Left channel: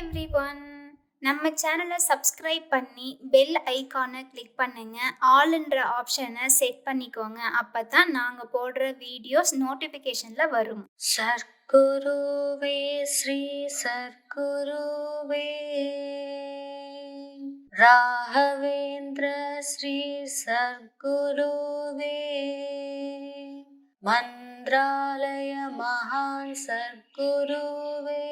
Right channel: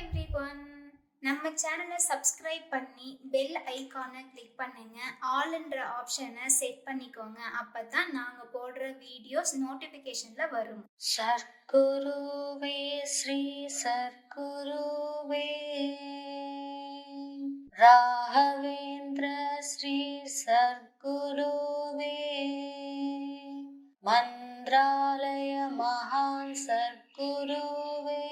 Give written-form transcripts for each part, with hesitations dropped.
Everyone. நம்ம சேனலை subscribe பண்ணி பெல் ஐகானை கிளிக் பண்ணுங்க. ஆல்ன்ற ஆப்ஷனை செட் பண்ணிக்கோங்க. அப்பதான் நாங்க போடுற வீடியோஸ் நோட்டிஃபிகேஷன்ல வரும். சர்க்குருவே ஸ்ரீ சர்க்குருவே ராகவேந்திர ஸ்ரீ சர்க்குருவே மந்த்ராலய மகான் சர்க்குருவே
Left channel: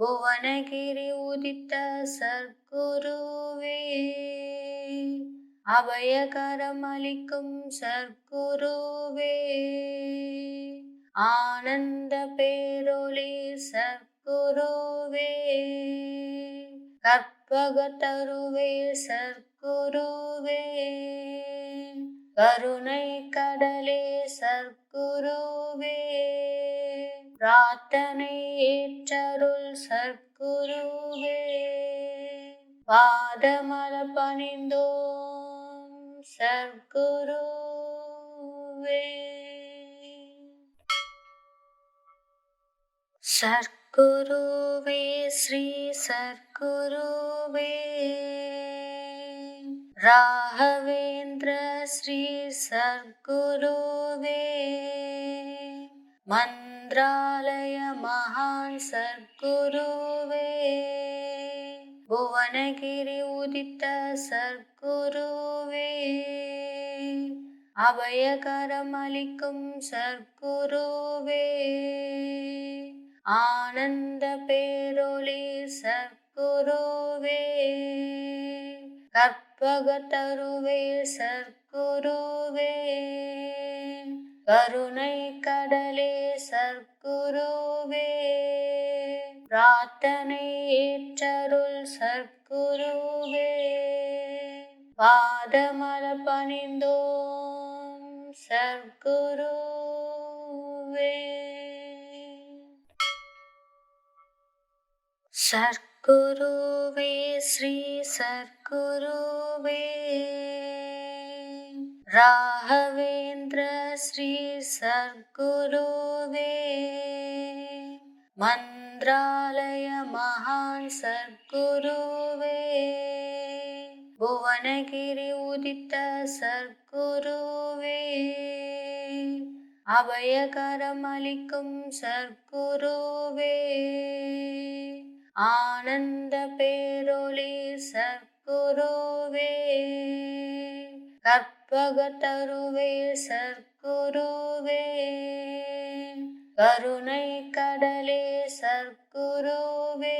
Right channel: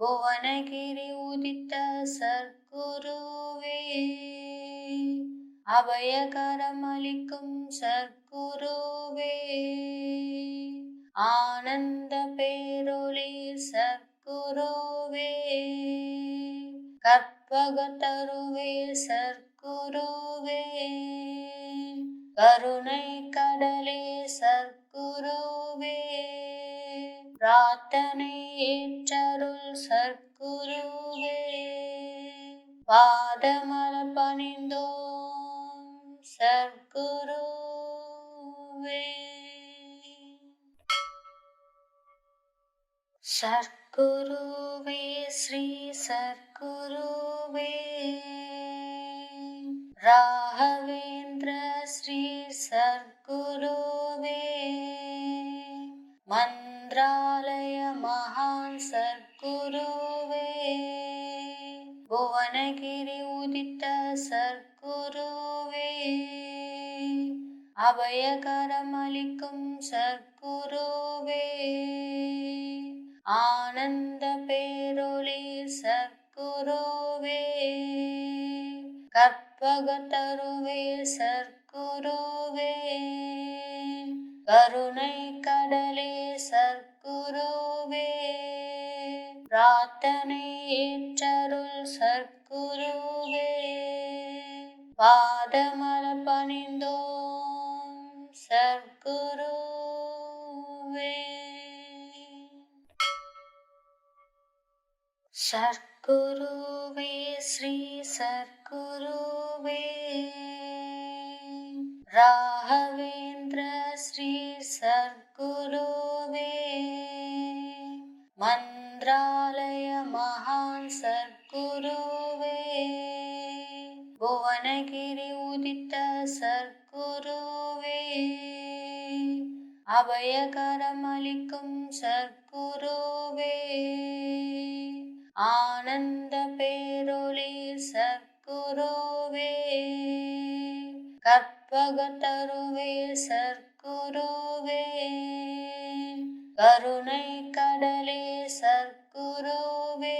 புவனகிரி உதித்த சர்க்குருவே அபயகரம் அளிக்கும் சர்க்குருவே ஆனந்த பேரொளி சர்க்குருவே கற்பகத்தருவே சர்க்குருவே கருணை கடலே சர்க்குருவே பிரார்த்தனை ஏற்றருள் சர்க்குருவே பாதமலர் பணிந்தோம் சர்க்குருவே. சர்க்குருவே ஸ்ரீ சர்க்குருவே ராகவேந்திர ஸ்ரீ சர்க்குருவே மந்த்ராலய மகான் சர்க்குருவே புவனகிரி உதித்த சர்க்குருவே அபயகரம் அளிக்கும் சர்க்குருவே ஆனந்த பேரொளி சர்க்குருவே கற்பகத்தருவே சர்க்குருவே கருணை கடலே சர்க்குருவே பிரார்த்தனை ஏற்றருள் சர்க்குருவே பாதமலர் பணிந்தோம் சர்க்குருவே. சர்க்குருவே ஸ்ரீ சர்க்குருவே ராகவேந்திர ஸ்ரீ சர்க்குருவே மந்த்ராலய மகான் சர்க்குருவே புவனகிரி உதித்த சர்க்குருவே அபயகரம் அளிக்கும் சர்க்குருவே ஆனந்த பேரொளி சர்க்குருவே கற்பகத்தருவே சர்க்குருவே கருணை கடலே சர்க்குருவே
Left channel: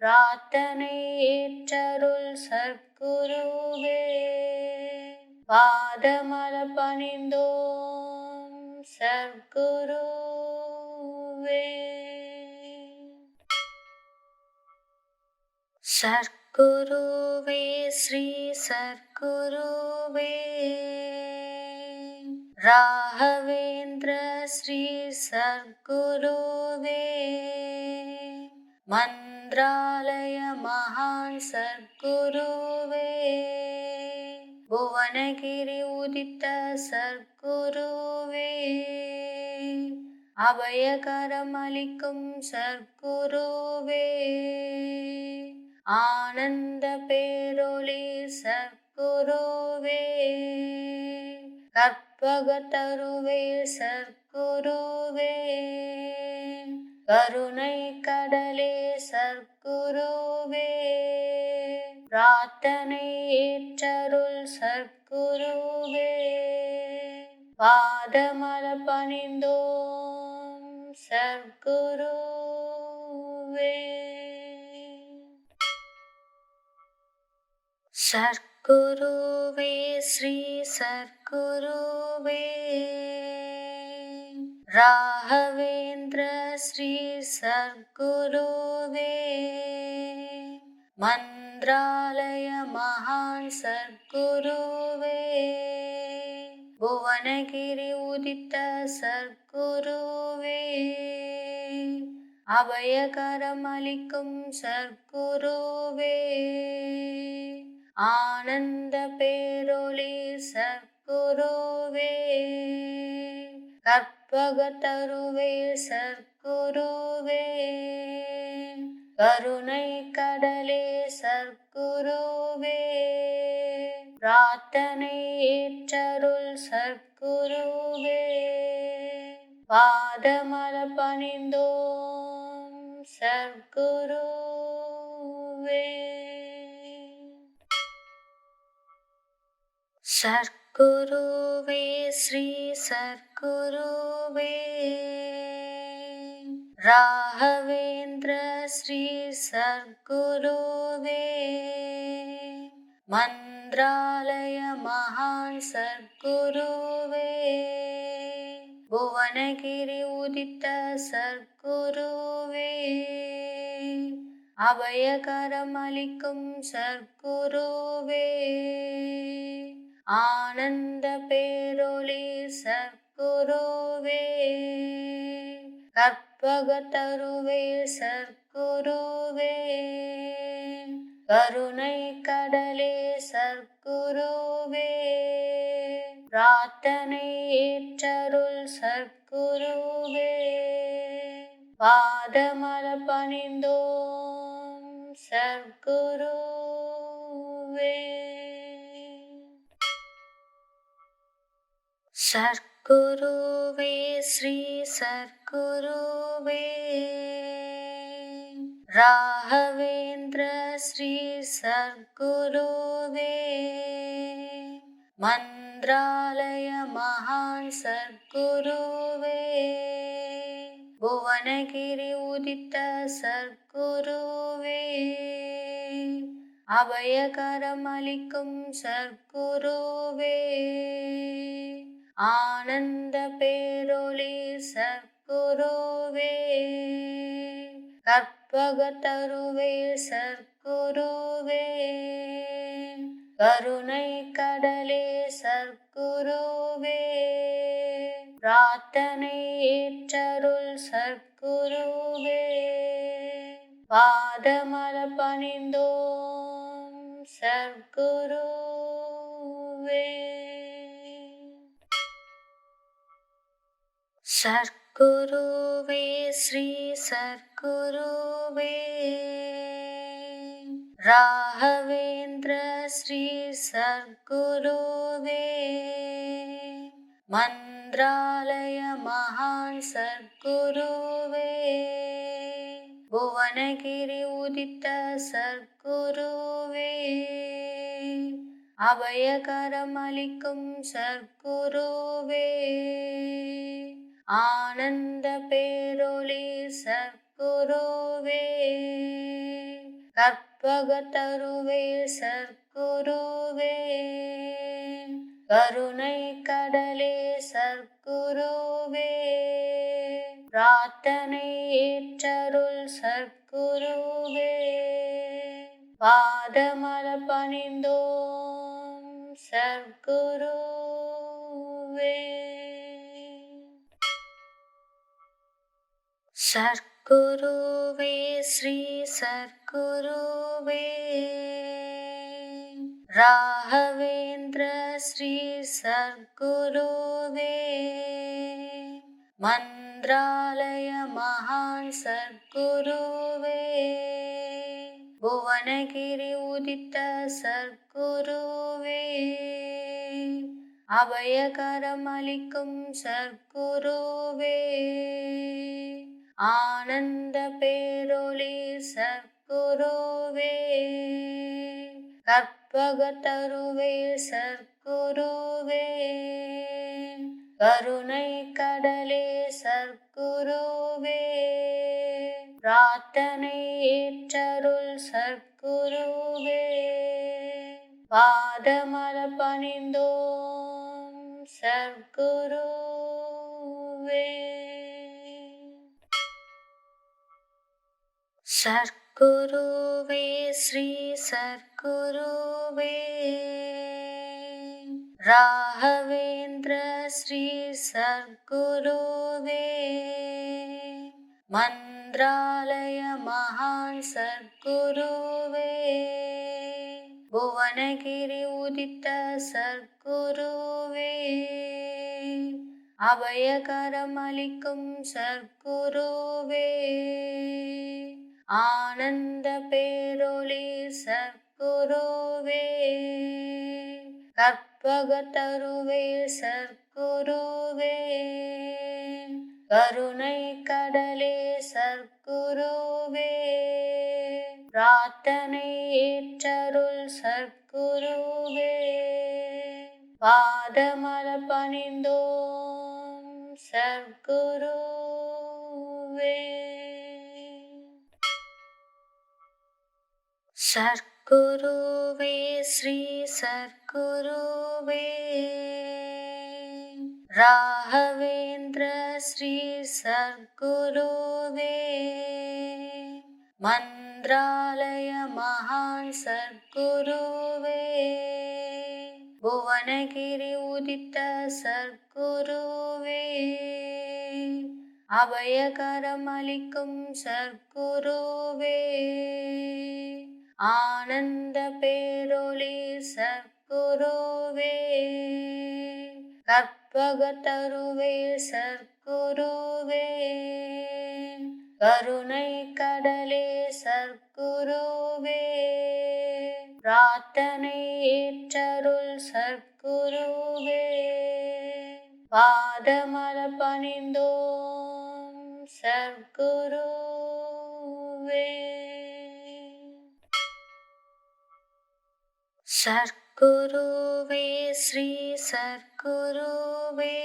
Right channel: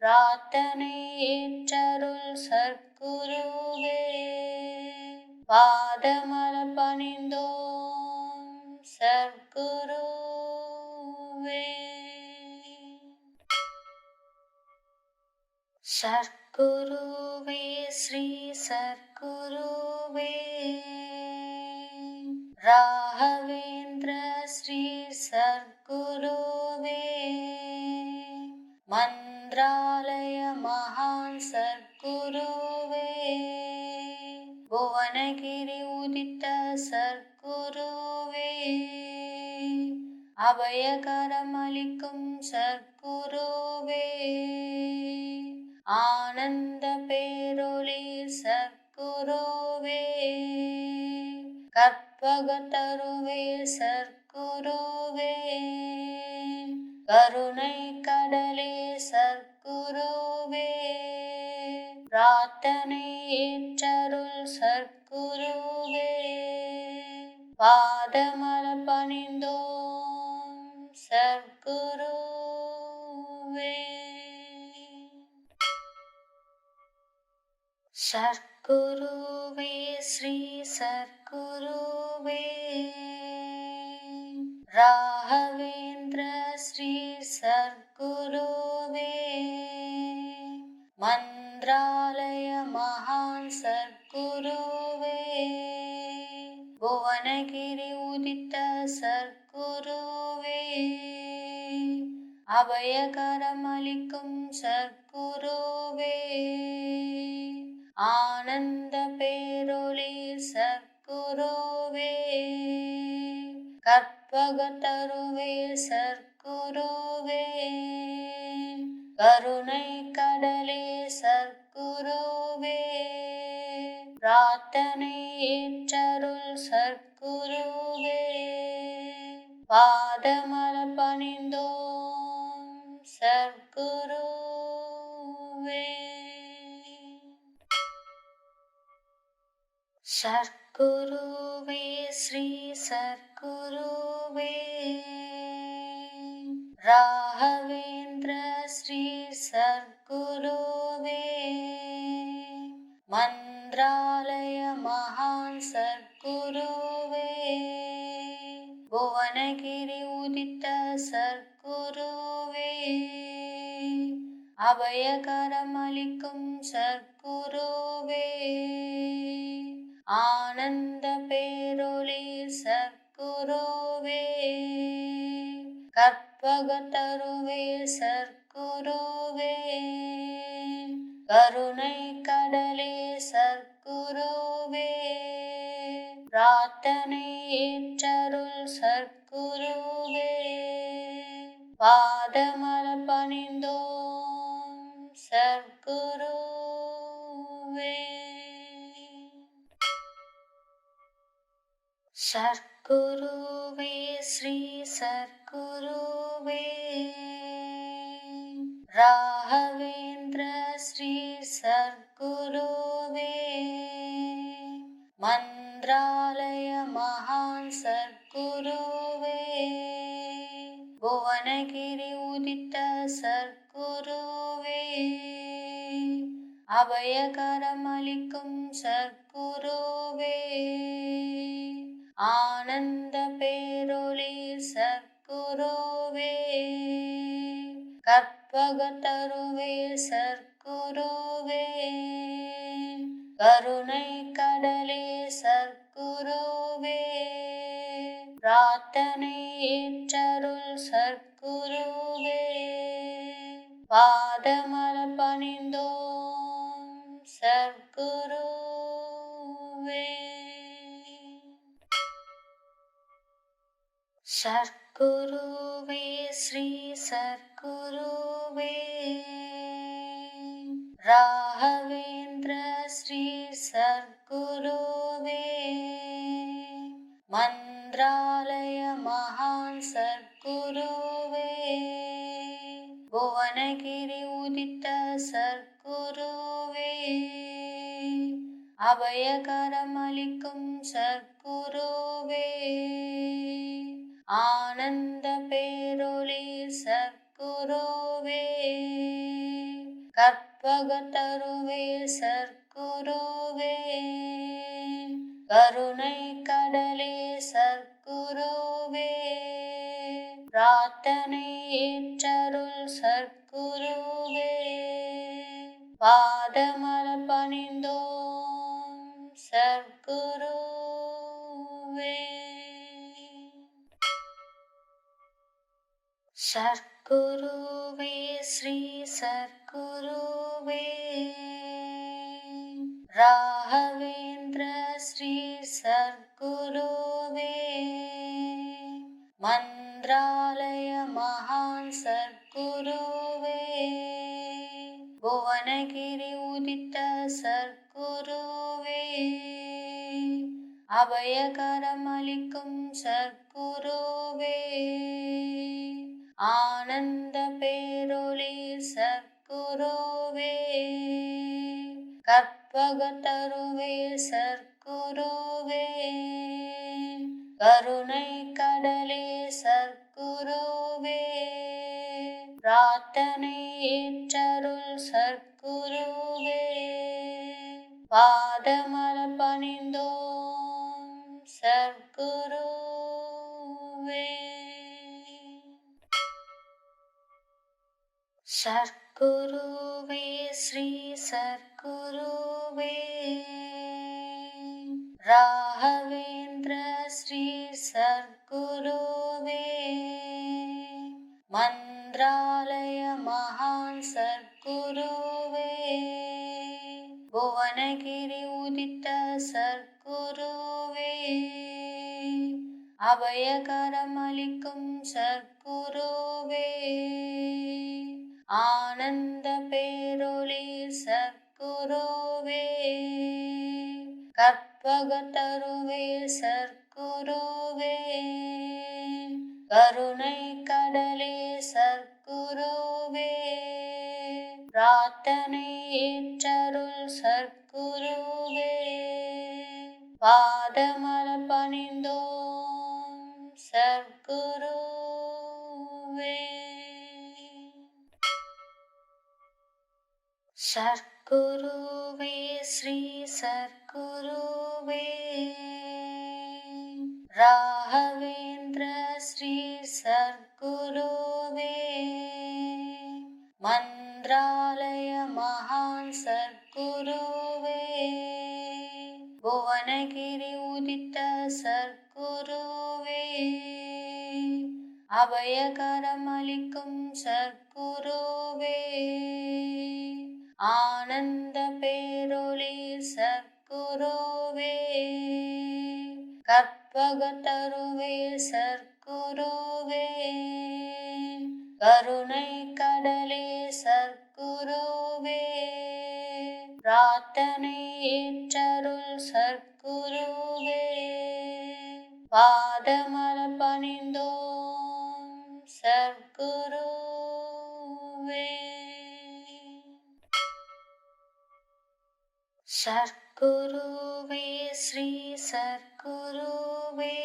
பிரார்த்தனை ஏற்றருள் சர்க்குருவே பாதமலர் பணிந்தோம் சர்க்குருவே. சர்க்குருவே ஸ்ரீ சர்க்குருவே ராகவேந்திர ஸ்ரீ சர்க்குருவே மந்த்ராலய மகான் சர்க்குருவே புவனகிரி உதித்த சர்க்குருவே அபயகரம் அளிக்கும் சர்க்குருவே ஆனந்த பேரொளி சர்க்குருவே கற்பகத்தருவே சர்க்குருவே கருணை கடலே சர்க்குருவே பிரார்த்தனை ஏற்றருள் சர்க்குருவே பாதமலர் பணிந்தோம் சர்க்குருவே. சர்க்குருவே ஸ்ரீ சர்க்குருவே ராகவேந்திர ஸ்ரீ சர்க்குருவே மந்த்ராலய மகான் சர்க்குருவே புவனகிரி உதித்த சர்க்குருவே அபயகரம் அளிக்கும் சர்க்குருவே ஆனந்த பேரொளி சர்க்குருவே கற்ப கற்பகத்தருவே சர்க்குருவே, கருணை கடலே சர்க்குருவே, பிரார்த்தனை ஏற்றருள் சர்க்குருவே, பாதமலர் பணிந்தோம் சர்க்குருவே. சர்க்குருவே ஸ்ரீ சர்க்குருவே, ராகவேந்திர ஸ்ரீ சர்க்குருவே, மந்த்ராலய மகான் சர்க்குருவே, புவனகிரி உதித்த சர்க்குருவே, அபயகரம் அளிக்கும் சர்க்குருவே, ஆனந்த பேரொளி சர்க்குருவே, கற்பகத்தருவே சர்க்குருவே, கருணை கடலே சர்க்குருவே, பிரார்த்தனை ஏற்றருள் சர்க்குருவே, பாதமலர் பணிந்தோம் சர்க்குருவே. சர்க்குருவே ஸ்ரீ சர்க்குருவே, ராகவேந்திர ஸ்ரீ சர்க்குருவே, மந்த்ராலய மகான் சர்க்குருவே, புவனகிரி உதித்த சர்க்குருவே, அபயகரம் அளிக்கும் சர்க்குருவே, ஆனந்த பேரொளி சர்க்குருவே, கற்பகத்தருவே சர்க்குருவே, கருணை கடலே சர்க்குருவே, பிரார்த்தனை ஏற்றருள் சர்க்குருவே, பாதமலர் பணிந்தோம் சர்க்குருவே. சர்க்குருவே ஸ்ரீ சர்க்குருவே, ராகவேந்திர ஸ்ரீ சர்க்குருவே, மந்த்ராலய மகான் சர்க்குருவே, புவனகிரி உதித்த சர்க்குருவே, அபயகரம் அளிக்கும் சர்க்குருவே, ஆனந்த பேரொளி சர்க்குருவே, கற்பகத்தருவே சர்க்குருவே, கருணை கடலே சர்க்குருவே, பிரார்த்தனை ஏற்றருள் சர்க்குருவே, பாதமலர் பணிந்தோம் சர்க்குருவே. சர்க்குருவே ஸ்ரீ சர்க்குருவே, ராகவேந்திர ஸ்ரீ சர்க்குருவே, மந்த்ராலய மகான் சர்க்குருவே, புவனகிரி உதித்த சர்க்குருவே, அபயகரம் அளிக்கும் சர்க்குருவே, ஆனந்த பேரொளி சர்க்குருவே, கற்பகத்தருவே சர்க்குருவே, கருணை கடலே சர்க்குருவே, பிரார்த்தனை ஏற்றருள் சர்க்குருவே, பாதமலர் பணிந்தோம் சர்க்குருவே. சர்க்குருவே ஸ்ரீ சர்க்குருவே, ராகவேந்திர ஸ்ரீ சர்க்குருவே, மந்த்ராலய மகான் சர்க்குருவே, புவனகிரி உதித்த சர்க்குருவே, அபயகரம் அளிக்கும் சர்க்குருவே, ஆனந்த பேரொளி சர்க்குருவே, கற்பகத்தருவே சர்க்குருவே, கருணை கடலே சர்க்குருவே, பிரார்த்தனை ஏற்றருள் சர்க்குருவே, பாதமலர் பணிந்தோம் சர்க்குருவே. சர்க்குருவே ஸ்ரீ சர்க்குருவே, ராகவேந்திர ஸ்ரீ சர்க்குருவே, மந்த்ராலய மகான் சர்க்குருவே, புவனகிரி உதித்த சர்க்குருவே, அபயகரம் அளிக்கும் சர்க்குருவே, ஆனந்த பேரொளி சர்க்குருவே, கற்பகத்தருவே சர்க்குருவே, கருணை கடலே சர்க்குருவே, பிரார்த்தனை ஏற்றருள் சர்க்குருவே, பாதமலர் பணிந்தோம் சர்க்குருவே. சர்க்குருவே ஸ்ரீ சர்க்குருவே,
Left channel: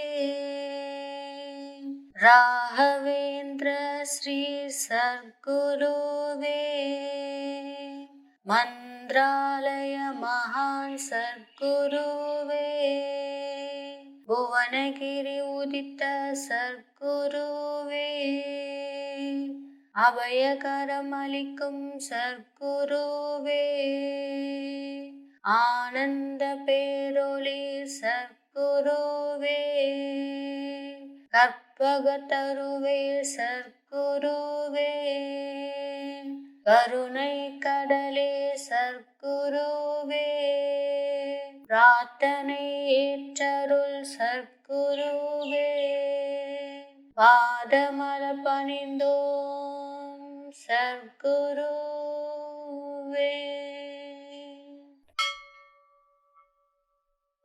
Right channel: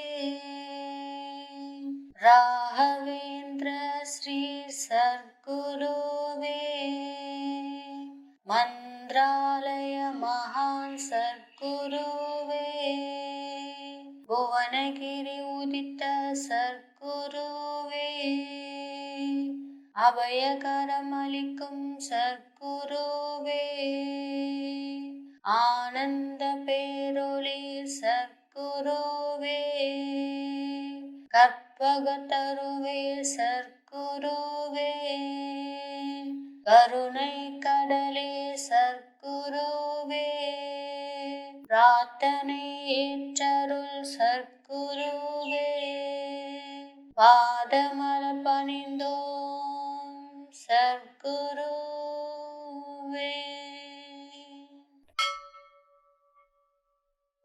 ராகவேந்திர ஸ்ரீ சர்க்குருவே, மந்த்ராலய மகான் சர்க்குருவே, புவனகிரி உதித்த சர்க்குருவே, அபயகரம் அளிக்கும் சர்க்குருவே, ஆனந்த பேரொளி சர்க்குருவே, கற்பகத்தருவே சர்க்குருவே, கருணை கடலே சர்க்குருவே, பிரார்த்தனை ஏற்றருள் சர்க்குருவே, பாதமலர் பணிந்தோம் சர்க்குருவே.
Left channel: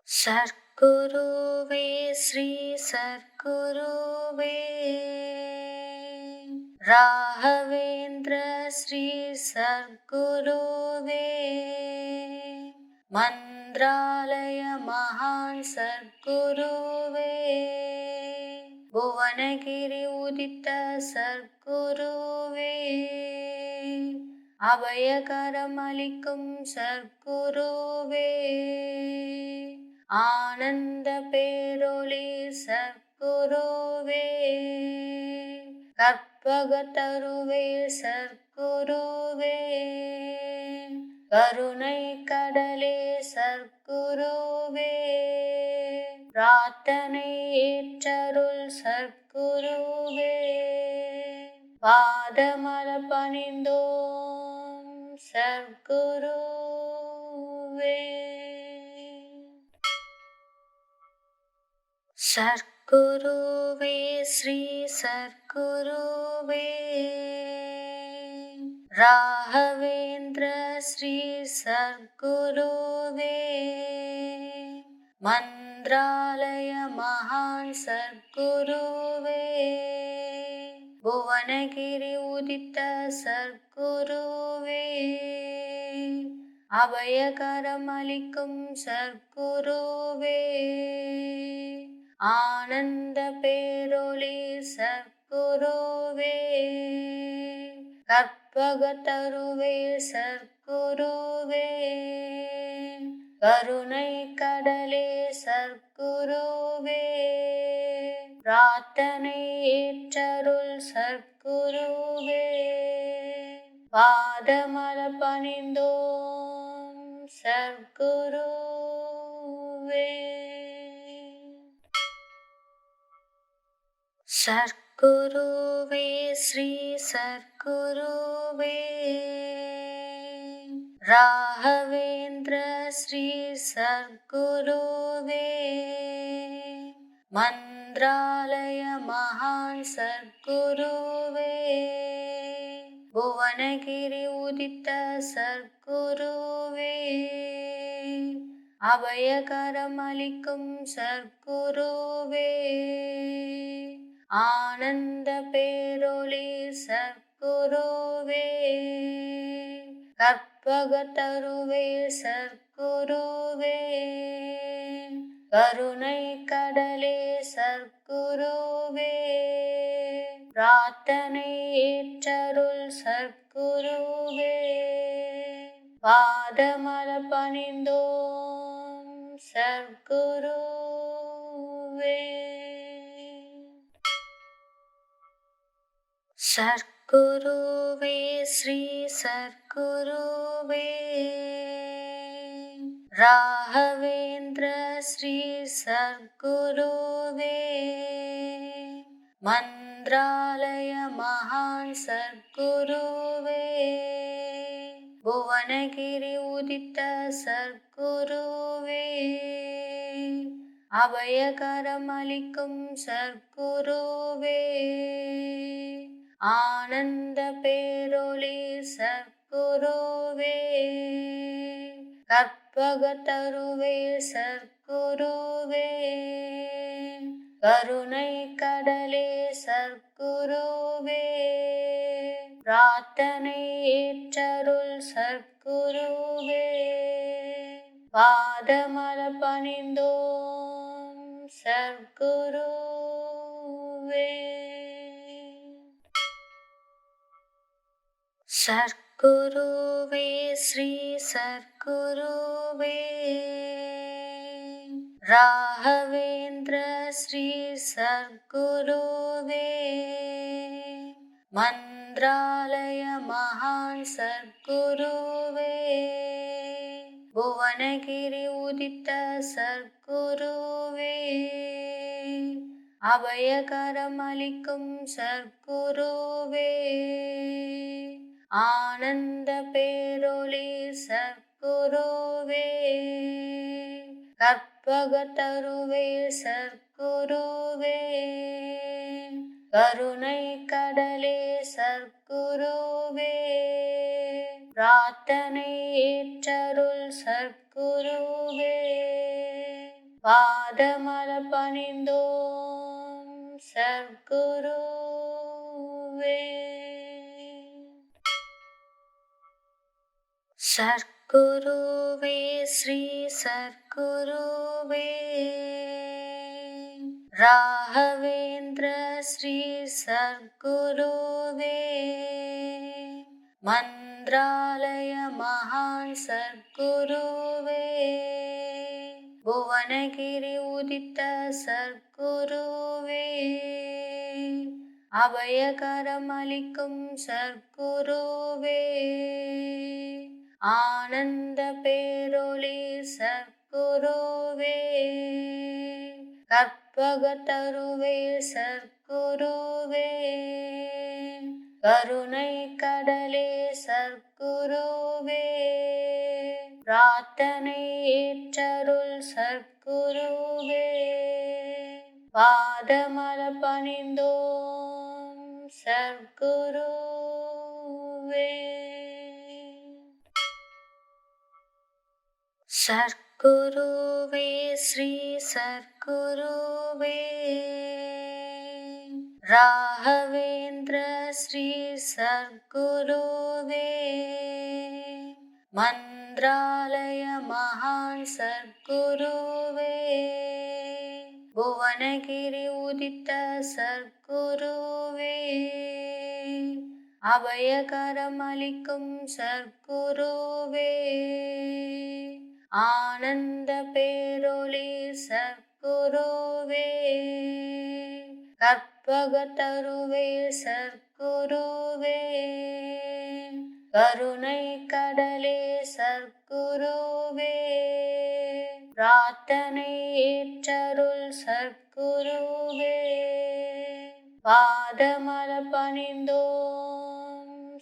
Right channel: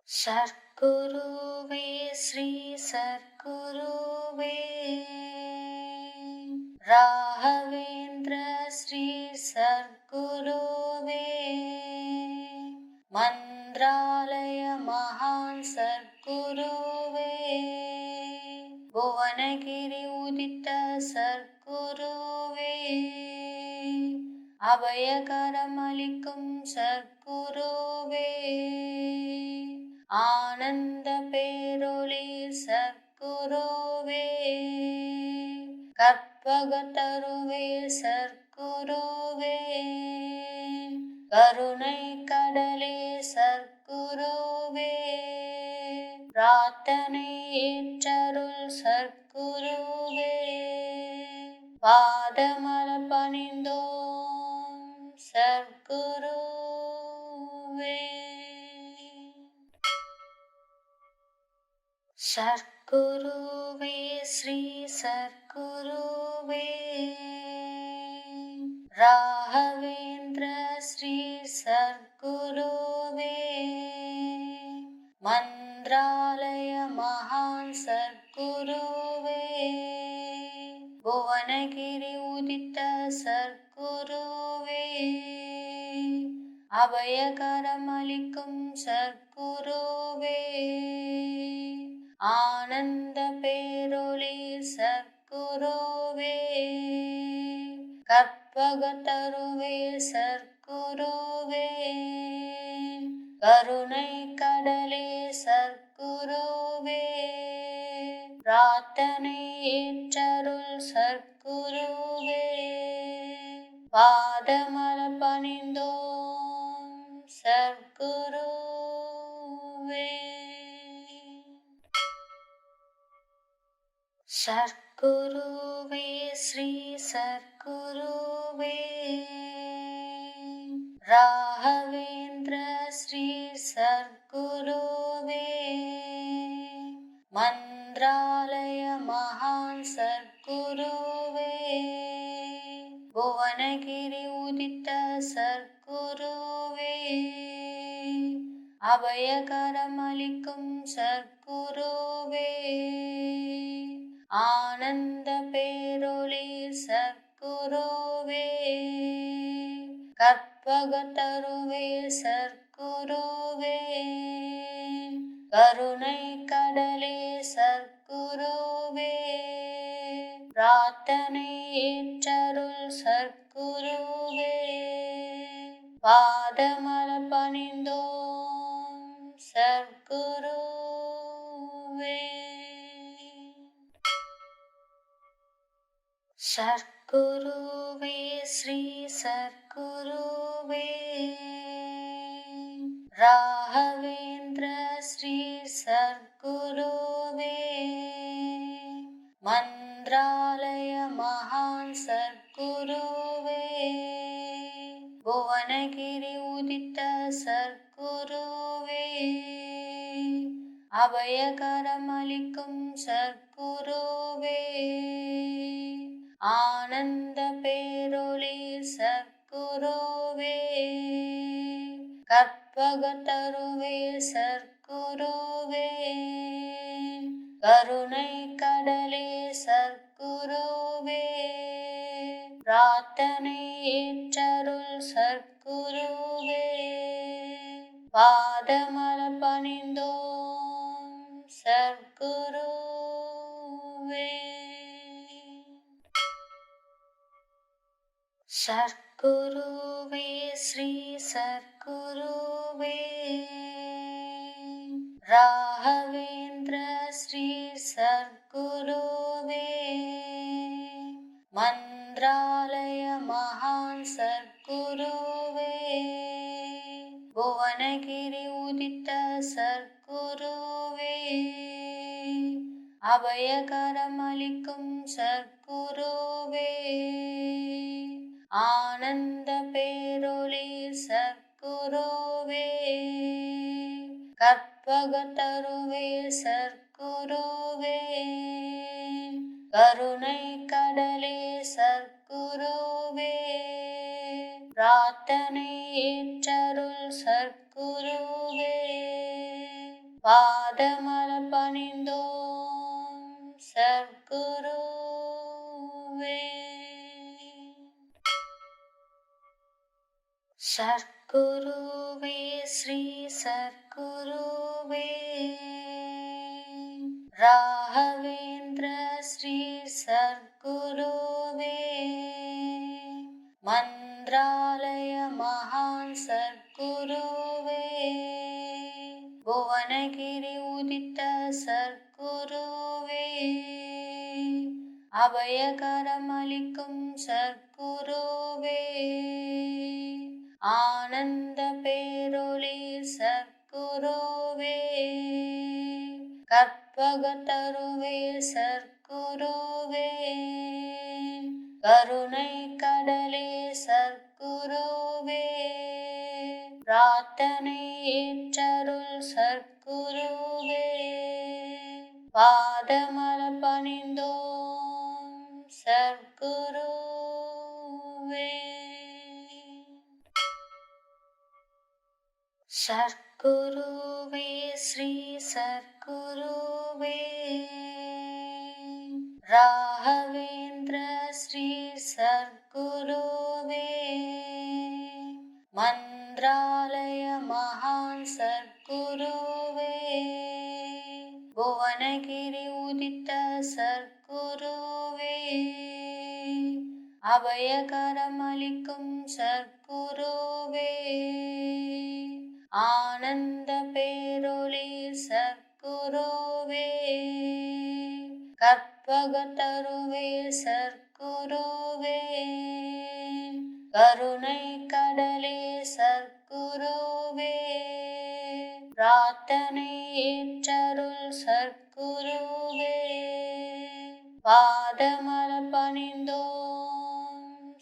சர்க்குருவே ஸ்ரீ சர்க்குருவே, ராகவேந்திர ஸ்ரீ சர்க்குருவே, மந்த்ராலய மகான் சர்க்குருவே, புவனகிரி உதித்த சர்க்குருவே, அபயகரம் அளிக்கும் சர்க்குருவே, ஆனந்த பேரொளி சர்க்குருவே, கற்பகத்தருவே சர்க்குருவே, கருணை கடலே சர்க்குருவே, பிரார்த்தனை ஏற்றருள் சர்க்குருவே, பாதமலர் பணிந்தோம் சர்க்குருவே. சர்க்குருவே ஸ்ரீ சர்க்குருவே, ராகவேந்திர ஸ்ரீ சர்க்குருவே, மந்த்ராலய மகான் சர்க்குருவே, புவனகிரி உதித்த சர்க்குருவே, அபயகரம் அளிக்கும் சர்க்குருவே, ஆனந்த பேரொளி சர்க்குருவே, கற்பகத்தருவே சர்க்குருவே, கருணை கடலே சர்க்குருவே, பிரார்த்தனை ஏற்றருள் சர்க்குருவே, பாதமலர் பணிந்தோம் சர்க்குருவே. சர்க்குருவே ஸ்ரீ சர்க்குருவே, ராகவேந்திர ஸ்ரீ சர்க்குருவே, மந்த்ராலய மந்திராலய மகான் சர்க்குருவே புவனகிரி உதித்த சர்க்குருவே அபயகரமளிக்கும் சர்க்குருவே ஆனந்த பேரொளி சர்க்குருவே கற்பகத்தருவே சர்க்குருவே கருணை கடலே சர்க்குருவே பிரார்த்தனை ஏற்றருள் சர்க்குருவே பாதமலர் பணிந்தோம் சர்க்குருவே. சர்க்குருவே ஸ்ரீ சர்க்குருவே ராகவேந்திர ஸ்ரீ சர்க்குருவே மந்திராலய மகான் சர்க்குருவே புவனகிரி உதித்த சர்க்குருவே அபயகரமளிக்கும் சர்க்குருவே ஆனந்த பேரொளி சர்க்குருவே கற்பகத்தருவே சர்க்குருவே கருணை கடலே சர்க்குருவே பிரார்த்தனை ஏற்றருள் சர்க்குருவே பாதமலர் பணிந்தோம் சர்க்குருவே. சர்க்குருவே ஸ்ரீ சர்க்குருவே ராகவேந்திர ஸ்ரீ சர்க்குருவே மந்திராலய மகான் சர்க்குருவே புவனகிரி உதித்த சர்க்குருவே அபயகரமளிக்கும் சர்க்குருவே ஆனந்த பேரொளி சர்க்குருவே கற்பகத்தருவே சர்க்குருவே கருணை கடலே சர்க்குருவே பிரார்த்தனை ஏற்றருள் சர்க்குருவே பாதமலர் பணிந்தோம் சர்க்குருவே. சர்க்குருவே ஸ்ரீ சர்க்குருவே ராகவேந்திர ஸ்ரீ சர்க்குருவே மந்திராலய மகான் சர்க்குருவே புவனகிரி உதித்த சர்க்குருவே அபயகரமளிக்கும் சர்க்குருவே ஆனந்த பேரொளி சர்க்குருவே கற்பகத்தருவே சர்க்குருவே கருணை கடலே சர்க்குருவே பிரார்த்தனை ஏற்றருள் சர்க்குருவே பாதமலர் பணிந்தோம் சர்க்குருவே. சர்க்குருவே ஸ்ரீ சர்க்குருவே ராகவேந்திர ஸ்ரீ சர்க்குருவே மந்திராலய மகான் சர்க்குருவே புவனகிரி உதித்த சர்க்குருவே அபயகரமளிக்கும் சர்க்குருவே ஆனந்த பேரொளி சர்க்குருவே கற்பகத்தருவே சர்க்குருவே கருணை கடலே சர்க்குருவே பிரார்த்தனை ஏற்றருள் சர்க்குருவே பாதமலர் பணிந்தோம்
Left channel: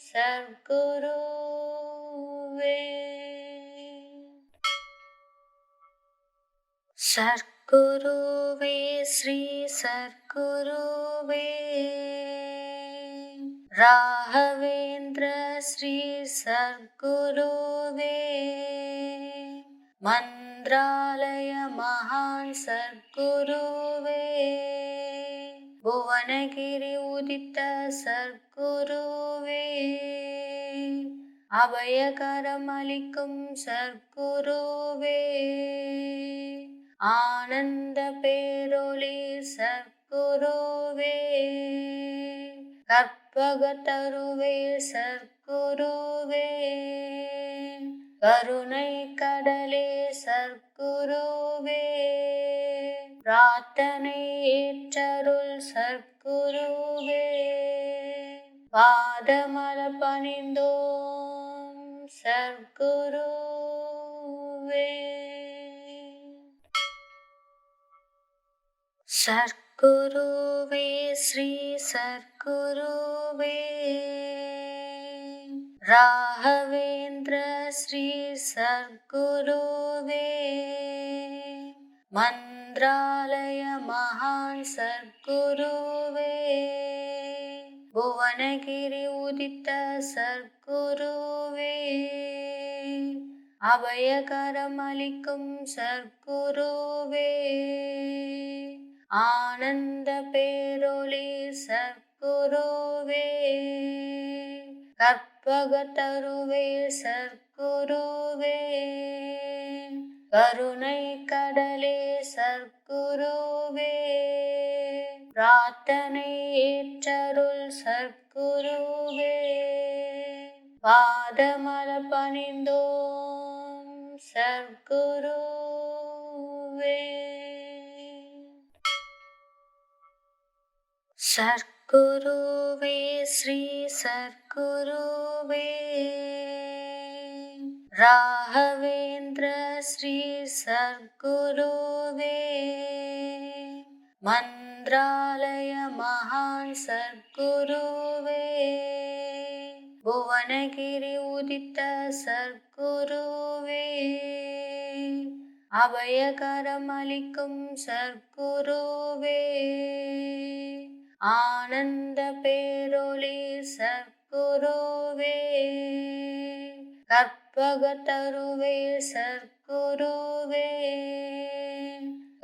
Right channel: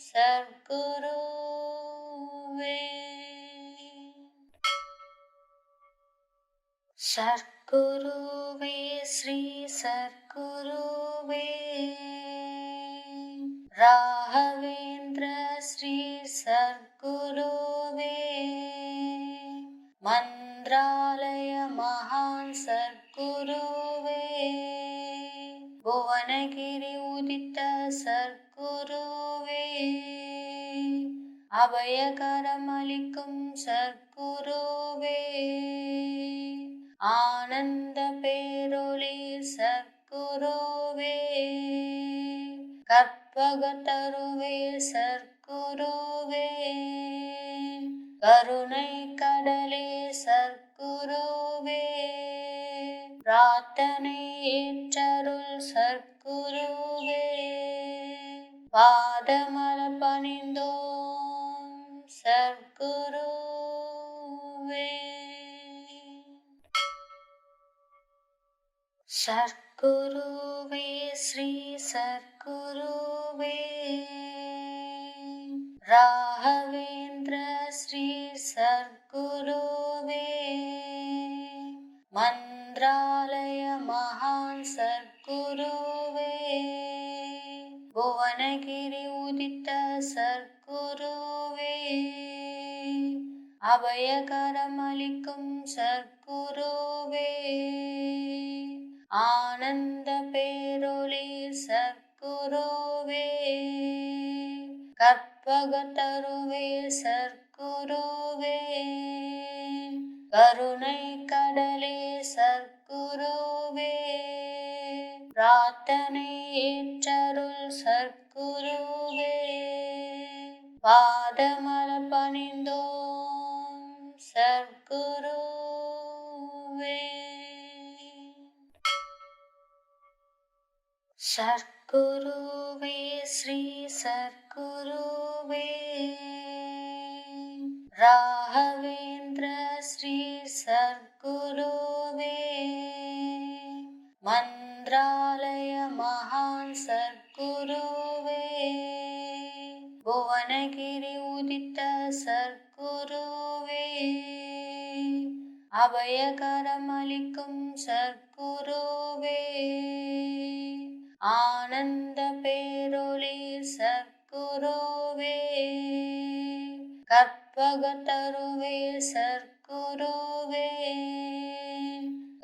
சர்க்குருவே. சர்க்குருவே ஸ்ரீ சர்க்குருவே ராகவேந்திர ஸ்ரீ சர்க்குருவே மந்த்ராலய மகான் சர்க்குருவே புவனகிரி உதித்த சர்க்குருவே அபயகரமளிக்கும் சர்க்குருவே ஆனந்த பேரொளி சர்க்குருவே கற்பகத்தருவே சர்க்குருவே கருணை கடலே சர்க்குருவே பிரார்த்தனை ஏற்றருள் சர்க்குருவே பாதமலர் பணிந்தோம் சர்க்குருவே. சர்க்குருவே ஸ்ரீ சர்க்குருவே ராகவேந்திர ஸ்ரீ சர்க்குருவே மந்த்ராலய மகான் சர்க்குருவே புவனகிரி உதித்த சர்க்குருவே அபயகரமளிக்கும் சர்க்குருவே ஆனந்த பேரொளி சர்க்குருவே கற்பகத்தருவே சர்க்குருவே கருணை கடலே சர்க்குருவே பிரார்த்தனை ஏற்றருள் சர்க்குருவே பாதமலர் பணிந்தோம் சர்க்குருவே. சர்க்குருவே ஸ்ரீ சர்க்குருவே ராகவேந்திர ஸ்ரீ சர்க்குருவே மந்த்ராலய மகான் சர்க்குருவே புவனகிரி உதித்த சர்க்குருவே அபயகரமளிக்கும் சர்க்குருவே ஆனந்த பேரொளி சர்க்குருவே கற்பகத்தருவே சர்க்குருவே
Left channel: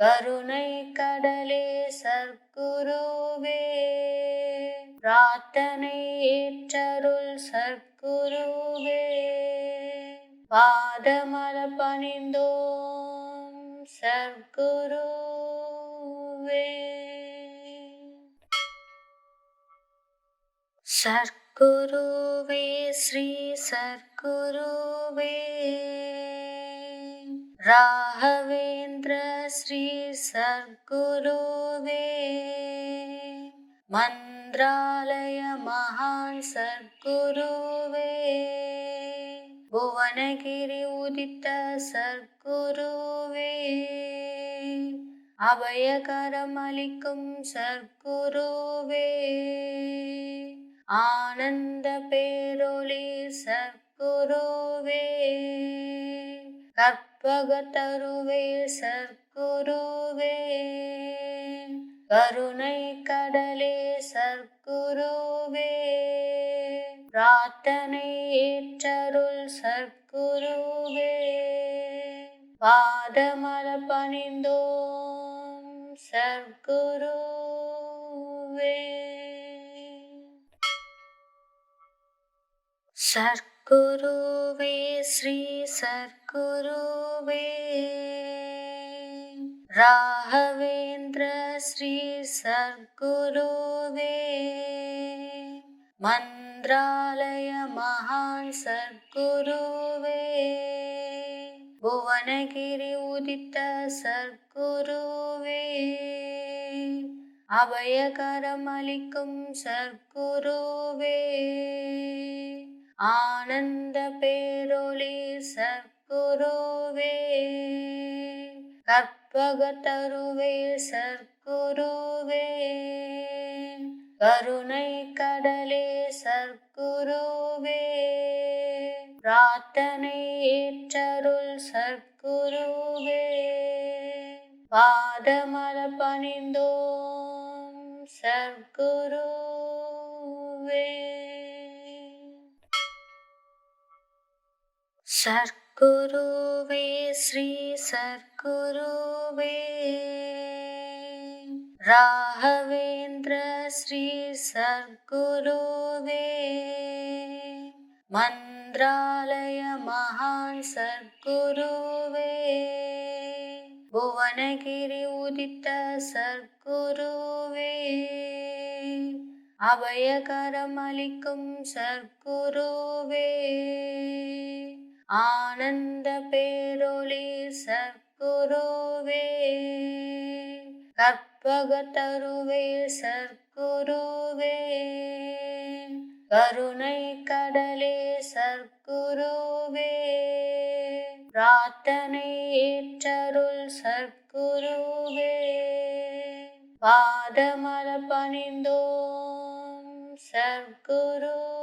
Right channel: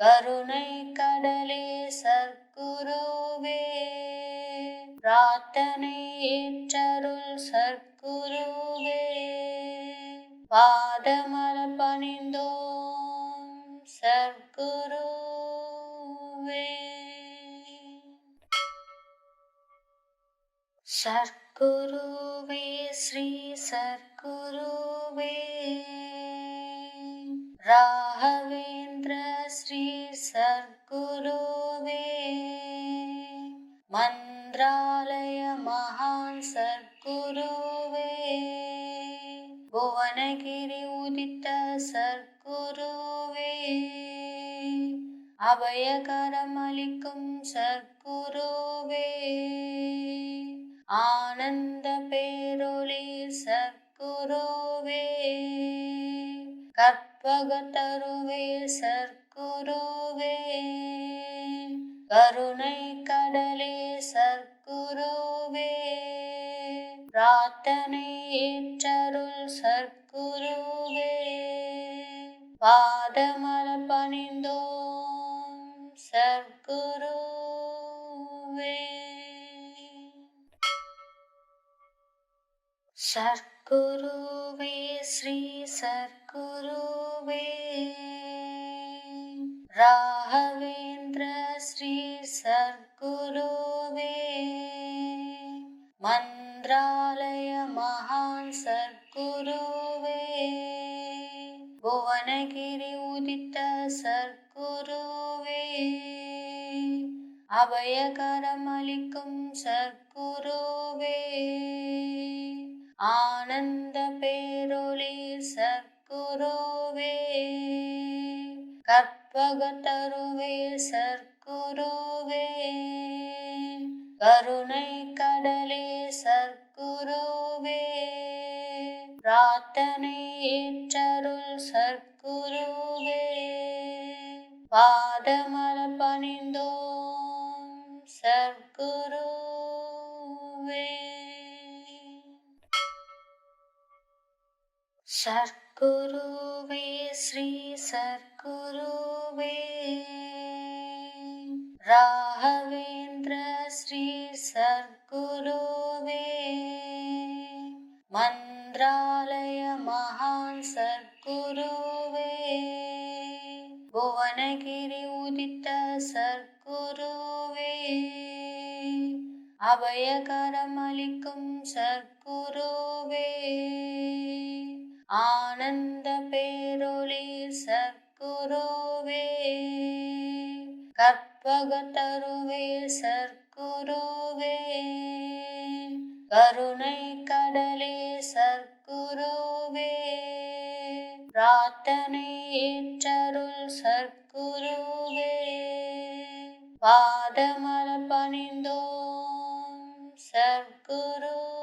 கருணை கடலே சர்க்குருவே பிரார்த்தனை ஏற்றருள் சர்க்குருவே பாதமலர் பணிந்தோம் சர்க்குருவே. சர்க்குருவே ஸ்ரீ சர்க்குருவே ராகவேந்திர ஸ்ரீ சர்க்குருவே மந்த்ராலய மகான் சர்க்குருவே புவனகிரி உதித்த சர்க்குருவே அபயகரமளிக்கும் சர்க்குருவே ஆனந்த பேரொளி சர்க்குருவே கற்பகத்தருவே சர்க்குருவே கருணை கடலே சர்க்குருவே பிரார்த்தனை ஏற்றருள் சர்க்குருவே பாதமலர் பணிந்தோம் சர்க்குருவே. சர்க்குருவே ஸ்ரீ சர்க்குருவே ராகவேந்திர ஸ்ரீ சர்க்குருவே மந்த்ராலய மகான் சர்க்குருவே புவனகிரி உதித்த சர்க்குருவே அபயகரமளிக்கும் சர்க்குருவே ஆனந்த பேரொளி சர்க்குருவே கற்பகத்தருவே சர்க்குருவே கருணை கடலே சர்க்குருவே பிரார்த்தனை ஏற்றருள் சர்க்குருவே பாதமலர் பணிந்தோம் சர்க்குருவே. சர்க்குருவே ஸ்ரீ சர்க்குருவே ராகவேந்திர ஸ்ரீ சர்க்குருவே மந்த்ராலய மகான் சர்க்குருவே புவனகிரி உதித்த சர்க்குருவே அபயகரமளிக்கும் சர்க்குருவே ஆனந்த பேரொளி சர்க்குருவே கற்பகத்தருவே சர்க்குருவே கருணை கடலே சர்க்குருவே பிரார்த்தனை ஏற்றருள் சர்க்குருவே பாதமலர் பணிந்தோம் சர்க்குருவே.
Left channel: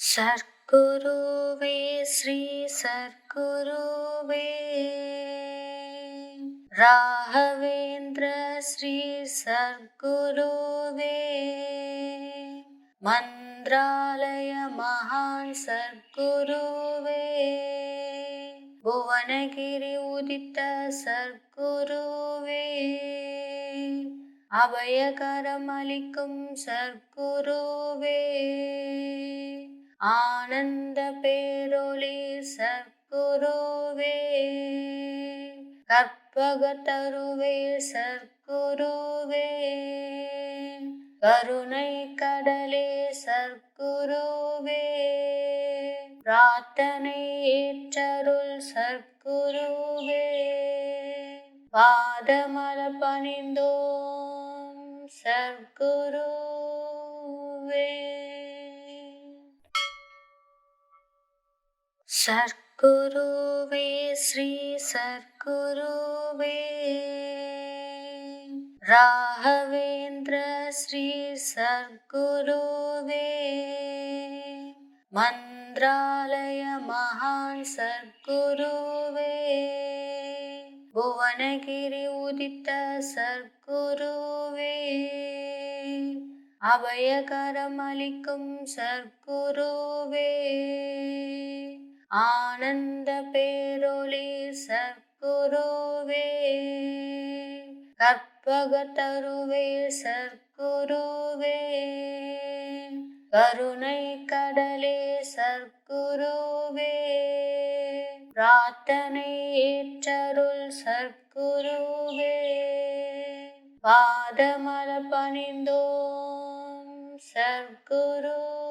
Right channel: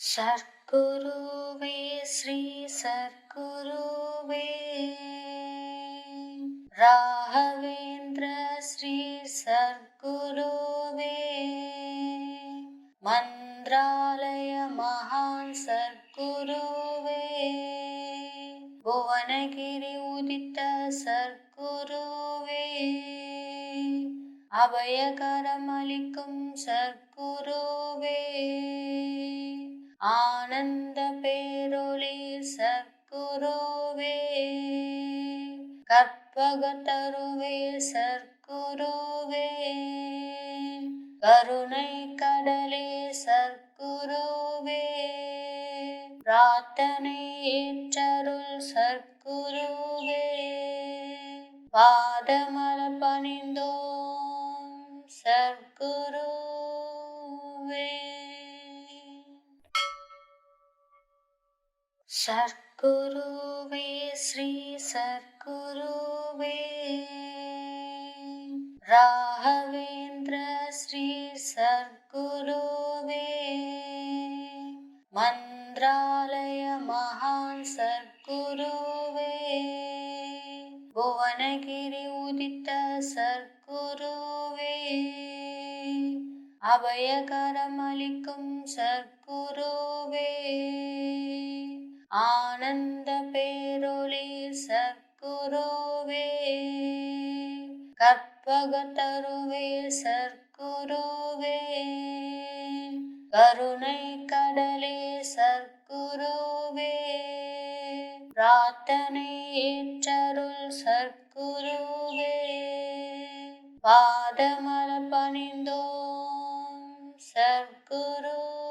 சர்க்குருவே ஸ்ரீ சர்க்குருவே ராகவேந்திர ஸ்ரீ சர்க்குருவே மந்த்ராலய மகான் சர்க்குருவே புவனகிரி உதித்த சர்க்குருவே அபயகரமளிக்கும் சர்க்குருவே ஆனந்த பேரொளி சர்க்குருவே கற்பகத்தருவே சர்க்குருவே கருணை கடலே சர்க்குருவே பிரார்த்தனை ஏற்றருள் சர்க்குருவே பாதமலர் பணிந்தோம் சர்க்குருவே. சர்க்குருவே ஸ்ரீ சர்க்குருவே ராகவேந்திர ஸ்ரீ சர்க்குருவே மந்த்ராலய மகான் சர்க்குருவே புவனகிரி உதித்த சர்க்குருவே அபயகரமளிக்கும் சர்க்குருவே ஆனந்த பேரொளி சர்க்குருவே கற்பகத்தருவே சர்க்குருவே கருணை கடலே சர்க்குருவே பிரார்த்தனை ஏற்றருள் சர்க்குருவே பாதமலர் பணிந்தோம் சர்க்குருவே.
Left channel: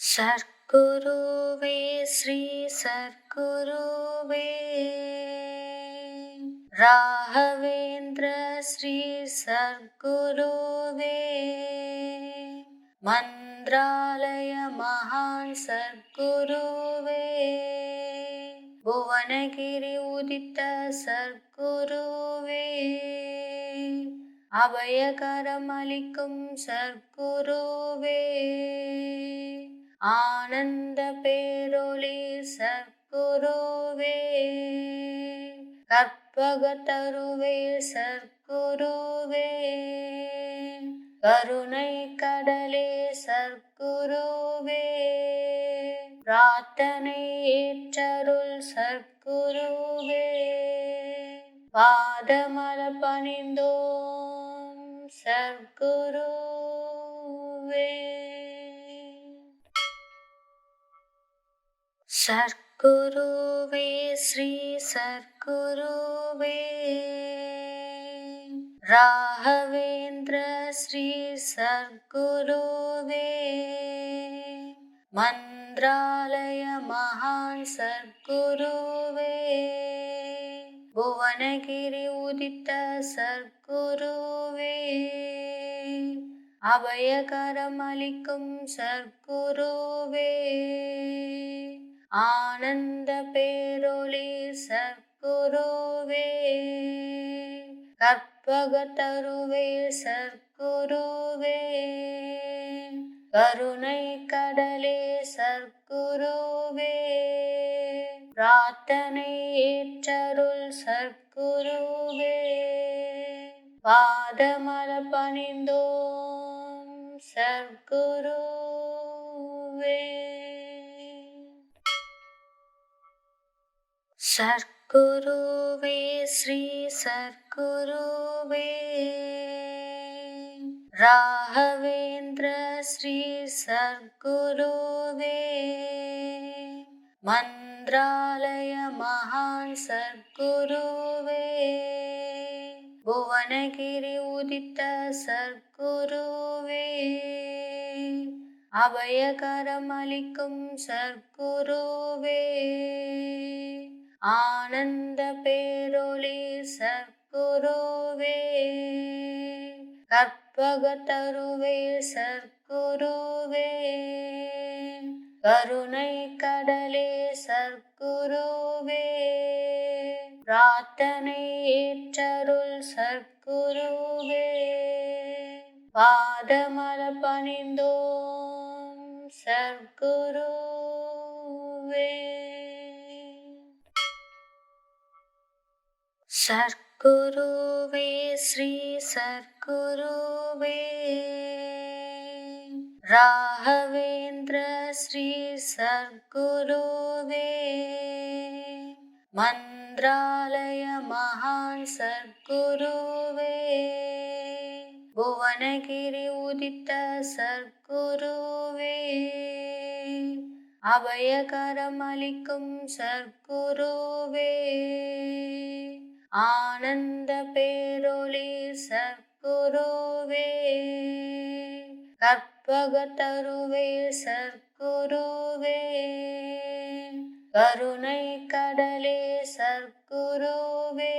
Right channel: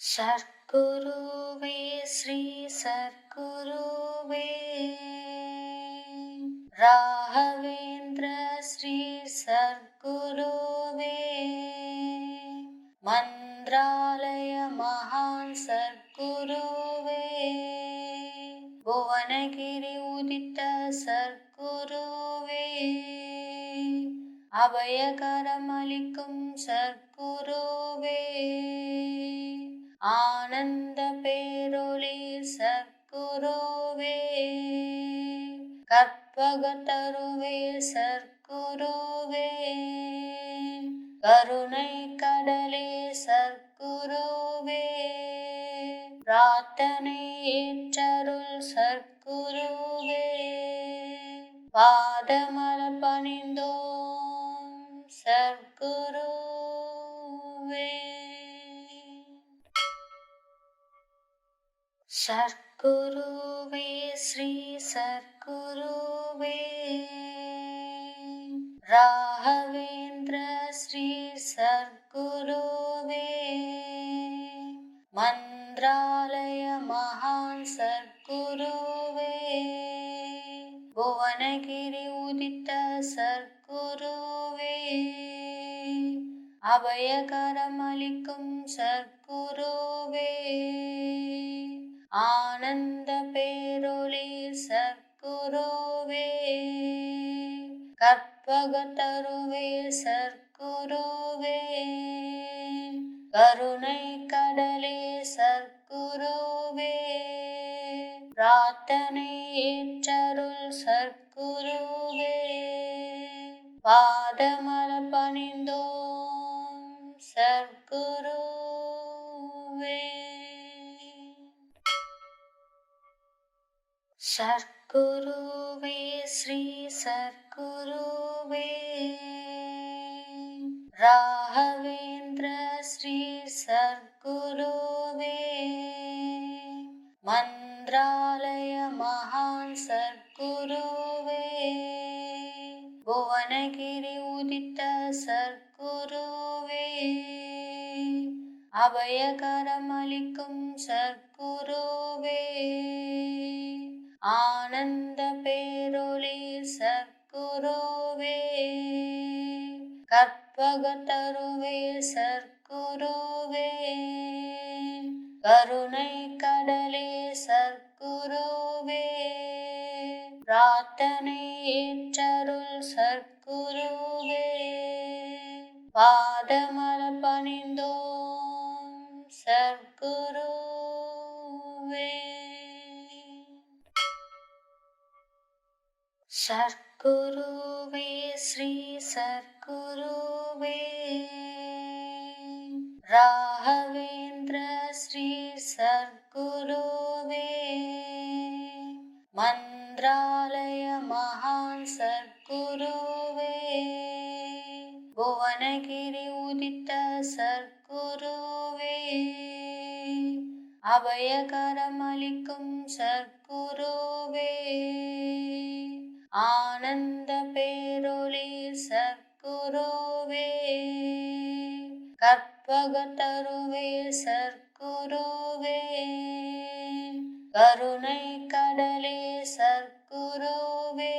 சர்க்குருவே ஸ்ரீ சர்க்குருவே ராகவேந்திர ஸ்ரீ சர்க்குருவே மந்த்ராலய மகான் சர்க்குருவே புவனகிரி உதித்த சர்க்குருவே அபயகரமளிக்கும் சர்க்குருவே ஆனந்த பேரொளி சர்க்குருவே கற்பகத்தருவே சர்க்குருவே கருணை கடலே சர்க்குருவே பிரார்த்தனை ஏற்றருள் சர்க்குருவே பாதமலர் பணிந்தோம் சர்க்குருவே. சர்க்குருவே ஸ்ரீ சர்க்குருவே ராகவேந்திர ஸ்ரீ சர்க்குருவே மந்த்ராலய மகான் சர்க்குருவே புவனகிரி உதித்த சர்க்குருவே அபயகரமளிக்கும் சர்க்குருவே ஆனந்த பேரொளி சர்க்குருவே கற்பகத்தருவே சர்க்குருவே கருணை கடலே சர்க்குருவே பிரார்த்தனை ஏற்றருள் சர்க்குருவே பாதமலர் பணிந்தோம் சர்க்குருவே. சர்க்குருவே ஸ்ரீ சர்க்குருவே ராகவேந்திர ஸ்ரீ சர்க்குருவே மந்த்ராலய மகான் சர்க்குருவே புவனகிரி உதித்த சர்க்குருவே அபயகரமளிக்கும் சர்க்குருவே ஆனந்த பேரொளி சர்க்குருவே கற்பகத்தருவே சர்க்குருவே கருணை கடலே சர்க்குருவே பிரார்த்தனை ஏற்றருள் சர்க்குருவே பாதமலர் பணிந்தோம் சர்க்குருவே. சர்க்குருவே ஸ்ரீ சர்க்குருவே ராகவேந்திர ஸ்ரீ சர்க்குருவே மந்த்ராலய மகான் சர்க்குருவே புவனகிரி உதித்த சர்க்குருவே அபயகரமளிக்கும் சர்க்குருவே ஆனந்த பேரொளி சர்க்குருவே கற்பகத்தருவே சர்க்குருவே கருணை கடலே சர்க்குருவே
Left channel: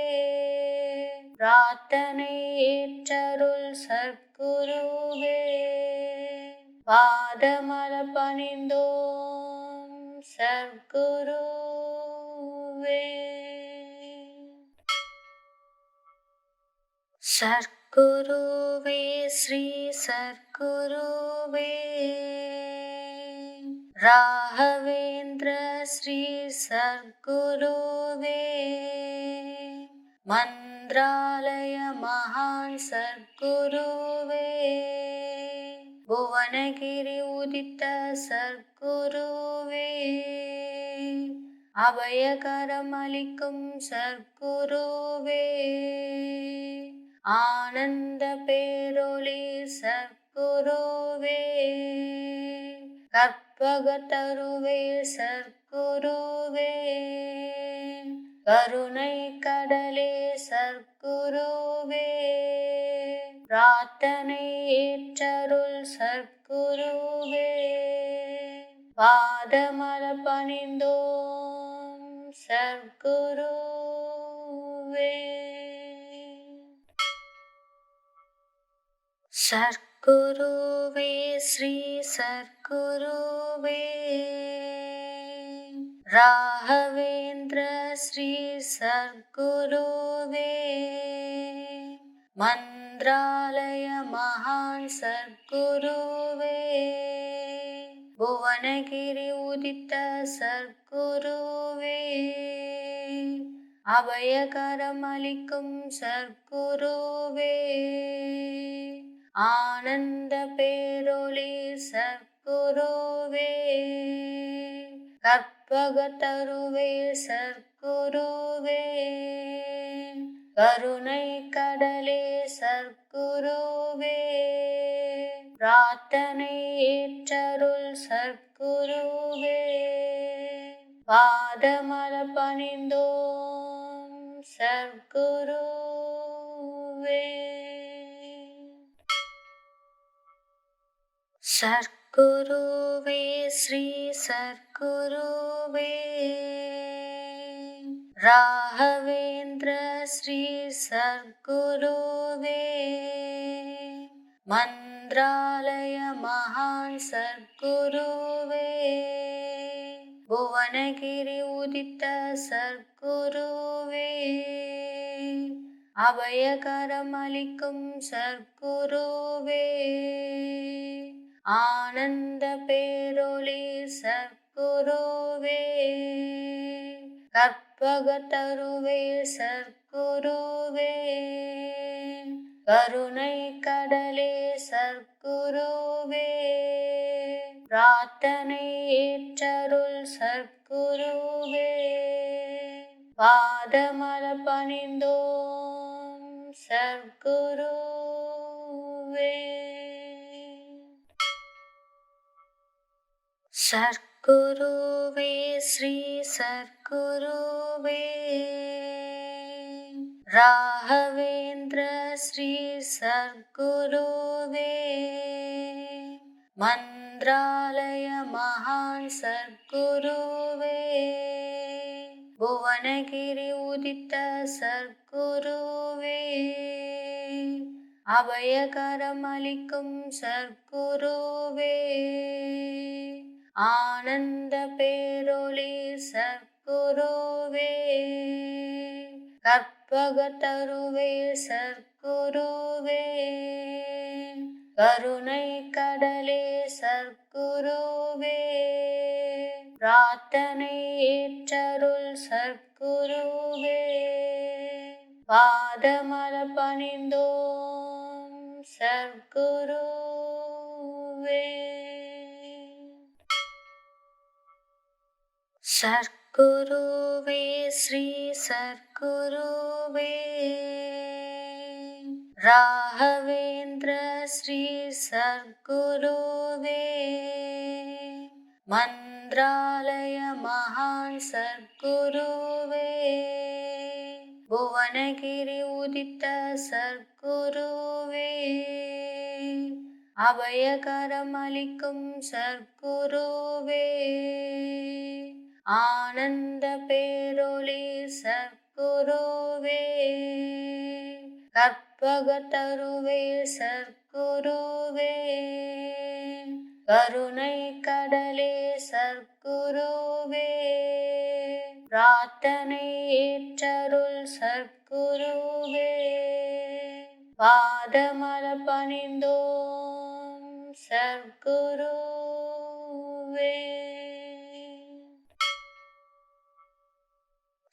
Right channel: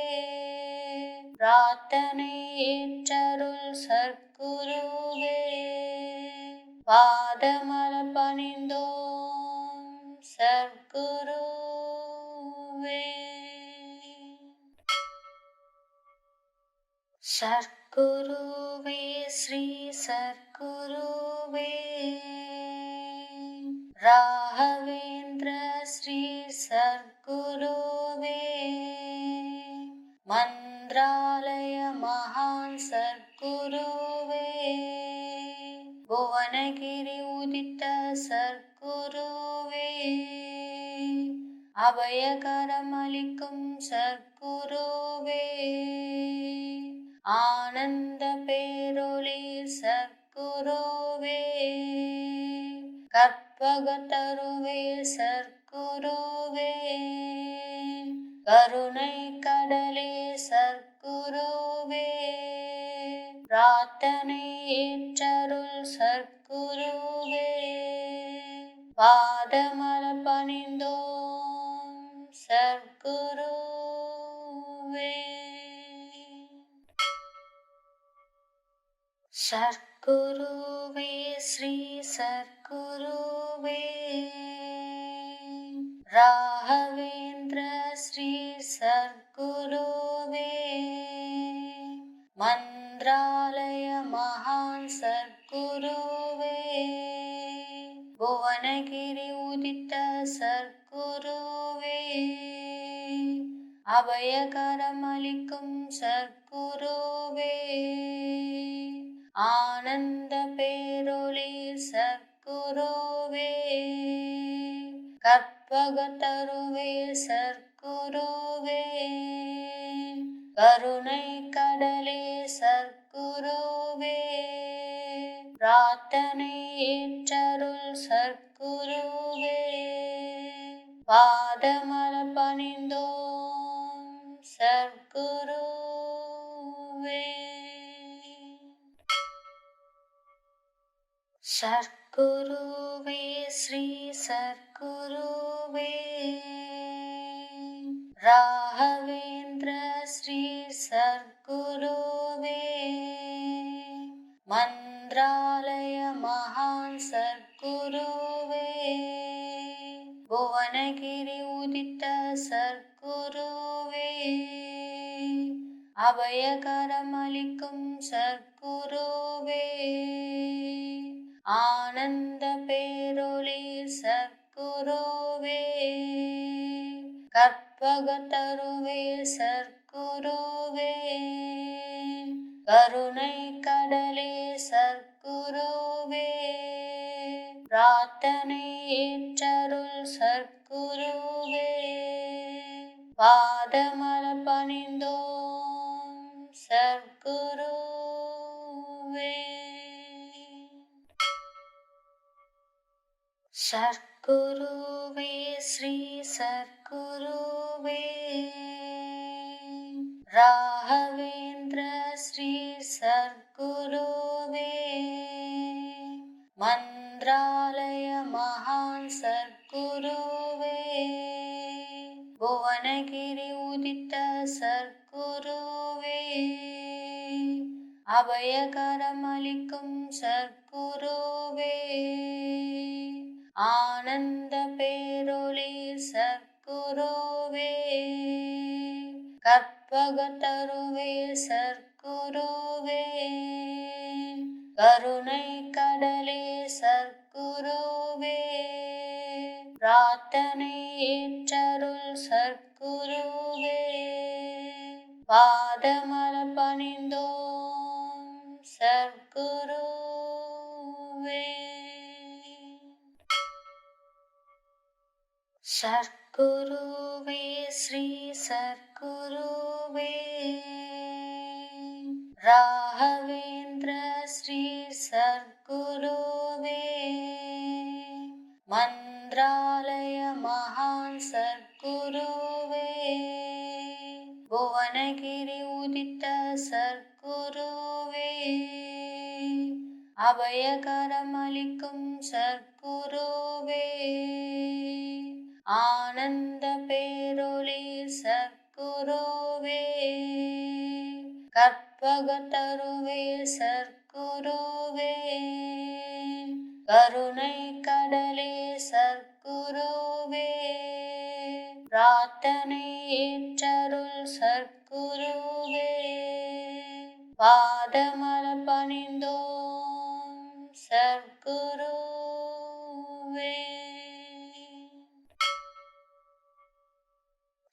பிரார்த்தனை ஏற்றருள் சர்க்குருவே பாதமலர் பணிந்தோம் சர்க்குருவே. சர்க்குருவே ஸ்ரீ சர்க்குருவே ராகவேந்திர ஸ்ரீ சர்க்குருவே மந்த்ராலய மகான் சர்க்குருவே புவனகிரி உதித்த சர்க்குருவே அபயகரமளிக்கும் சர்க்குருவே ஆனந்த பேரொளி சர்க்குருவே கற்பகத்தருவே சர்க்குருவே கருணை கடலே சர்க்குருவே பிரார்த்தனை ஏற்றருள் சர்க்குருவே பாதமலர் பணிந்தோம் சர்க்குருவே. சர்க்குருவே ஸ்ரீ சர்க்குருவே ராகவேந்திர ஸ்ரீ சர்க்குருவே மந்த்ராலய மகான் சர்க்குருவே புவனகிரி உதித்த சர்க்குருவே அபயகரமளிக்கும் சர்க்குருவே ஆனந்த பேரொளி சர்க்குருவே கற்பகத்தருவே சர்க்குருவே கருணை கடலே சர்க்குருவே பிரார்த்தனை ஏற்றருள் சர்க்குருவே பாதமலர் பணிந்தோம் சர்க்குருவே. சர்க்குருவே ஸ்ரீ சர்க்குருவே ராகவேந்திர ஸ்ரீ சர்க்குருவே மந்த்ராலய மகான் சர்க்குருவே புவனகிரி உதித்த சர்க்குருவே அபயகரமளிக்கும் சர்க்குருவே ஆனந்த பேரொளி சர்க்குருவே கற்பகத்தருவே சர்க்குருவே, கருணை கடலே சர்க்குருவே, பிரார்த்தனை ஏற்றருள் சர்க்குருவே, பாதமலர் பணிந்தோம் சர்க்குருவே. சர்க்குருவே ஸ்ரீ சர்க்குருவே, ராகவேந்திர ஸ்ரீ சர்க்குருவே, மந்த்ராலய மகான் சர்க்குருவே, புவனகிரி உதித்த சர்க்குருவே, அபயகரமளிக்கும் சர்க்குருவே, ஆனந்த பேரொளி சர்க்குருவே, கற்பகத்தருவே சர்க்குருவே, கருணை கடலே சர்க்குருவே, பிரார்த்தனை ஏற்றருள் சர்க்குருவே, பாதமலர் பணிந்தோம் சர்க்குருவே. சர்க்குருவே ஸ்ரீ சர்க்குருவே, ராகவேந்திர ஸ்ரீ சர்க்குருவே, மந்த்ராலய மகான் சர்க்குருவே, புவனகிரி உதித்த சர்க்குருவே, அபயகரமளிக்கும் சர்க்குருவே, ஆனந்த பேரொளி சர்க்குருவே, கற்பகத்தருவே சர்க்குருவே, கருணை கடலே சர்க்குருவே, பிரார்த்தனை ஏற்றருள் சர்க்குருவே, பாதமலர் பணிந்தோம் சர்க்குருவே.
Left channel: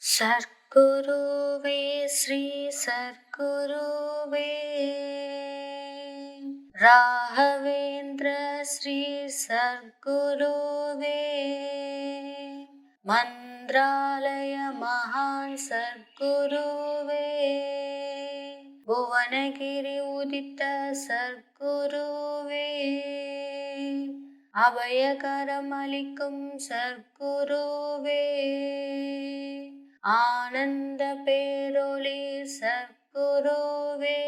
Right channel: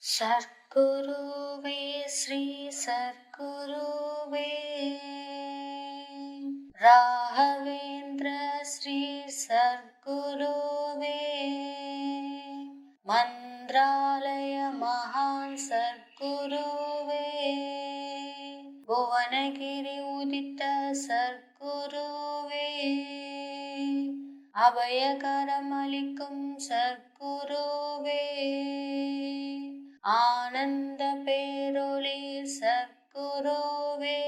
சர்க்குருவே ஸ்ரீ சர்க்குருவே, ராகவேந்திர ஸ்ரீ சர்க்குருவே, மந்த்ராலய மகான் சர்க்குருவே, புவனகிரி உதித்த சர்க்குருவே, அபயகரமளிக்கும் சர்க்குருவே, ஆனந்த பேரொளி சர்க்குருவே,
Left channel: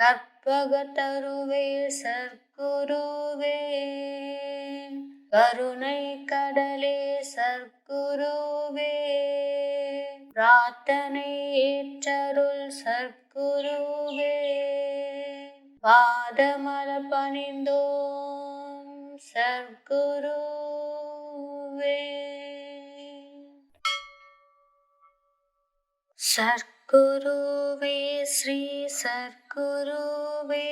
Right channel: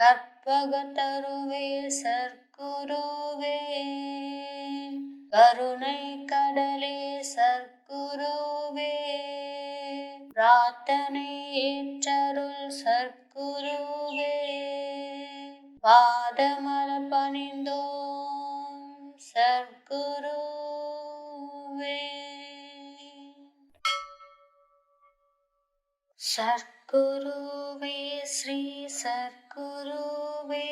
கற்பகத்தருவே சர்க்குருவே, கருணை கடலே சர்க்குருவே, பிரார்த்தனை ஏற்றருள் சர்க்குருவே, பாதமலர் பணிந்தோம் சர்க்குருவே. சர்க்குருவே ஸ்ரீ சர்க்குருவே,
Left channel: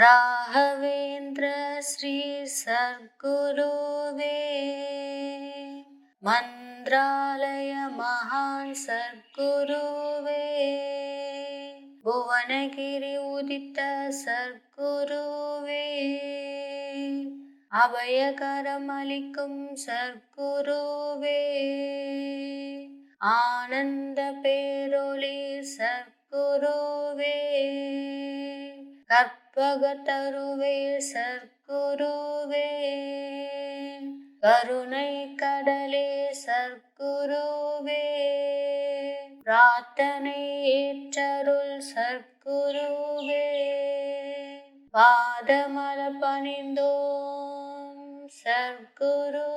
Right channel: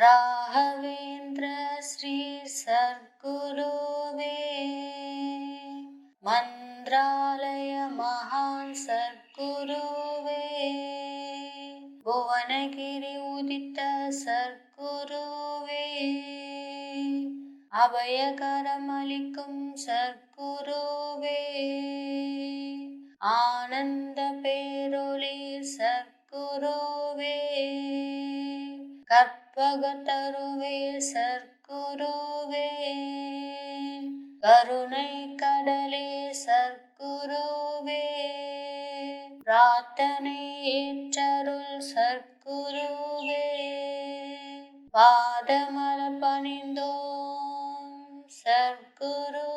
ராகவேந்திர ஸ்ரீ சர்க்குருவே, மந்த்ராலய மகான் சர்க்குருவே, புவனகிரி உதித்த சர்க்குருவே, அபயகரமளிக்கும் சர்க்குருவே, ஆனந்த பேரொளி சர்க்குருவே, கற்பகத்தருவே சர்க்குருவே, கருணை கடலே சர்க்குருவே, பிரார்த்தனை ஏற்றருள் சர்க்குருவே, பாதமலர் பணிந்தோம் சர்க்குருவே.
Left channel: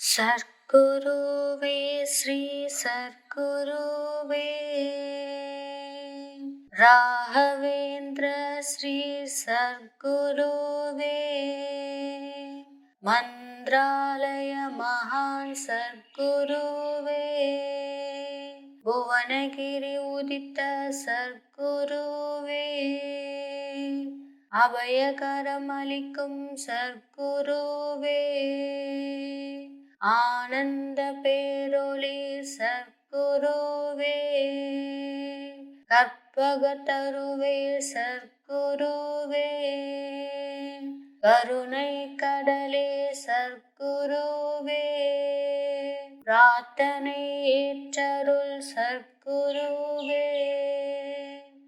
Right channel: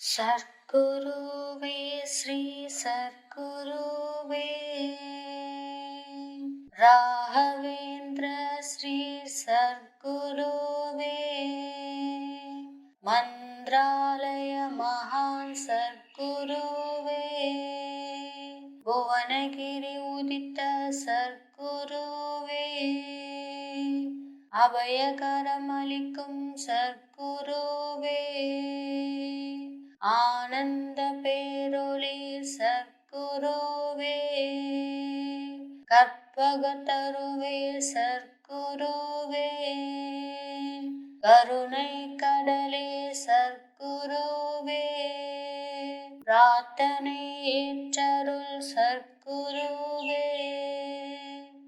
சர்க்குருவே ஸ்ரீ சர்க்குருவே, ராகவேந்திர ஸ்ரீ சர்க்குருவே, மந்த்ராலய மகான் சர்க்குருவே, புவனகிரி உதித்த சர்க்குருவே, அபயகரம் அளிக்கும் சர்க்குருவே, ஆனந்த பேரொளி சர்க்குருவே, கற்பகத்தருவே சர்க்குருவே, கருணை கடலே சர்க்குருவே, பிரார்த்தனை ஏற்றருள் சர்க்குருவே,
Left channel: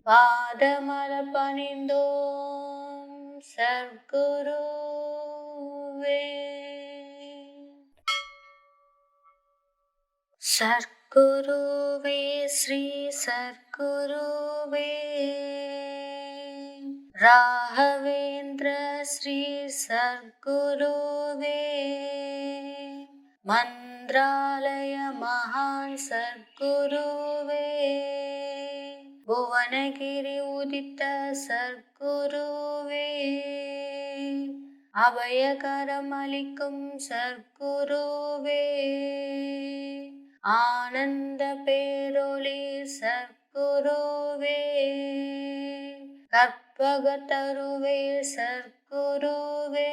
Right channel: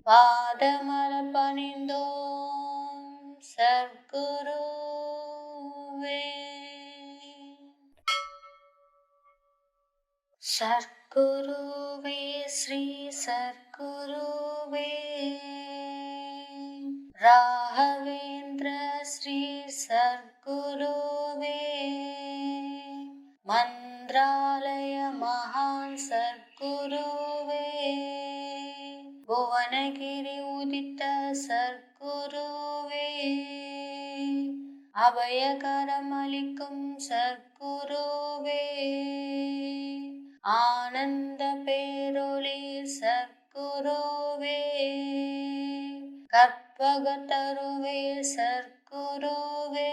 பாதமலர் பணிந்தோம் சர்க்குருவே. சர்க்குருவே ஸ்ரீ சர்க்குருவே, ராகவேந்திர ஸ்ரீ சர்க்குருவே, மந்த்ராலய மகான் சர்க்குருவே, புவனகிரி உதித்த சர்க்குருவே, அபயகரம் அளிக்கும் சர்க்குருவே, ஆனந்த பேரொளி சர்க்குருவே, கற்பகத்தருவே சர்க்குருவே,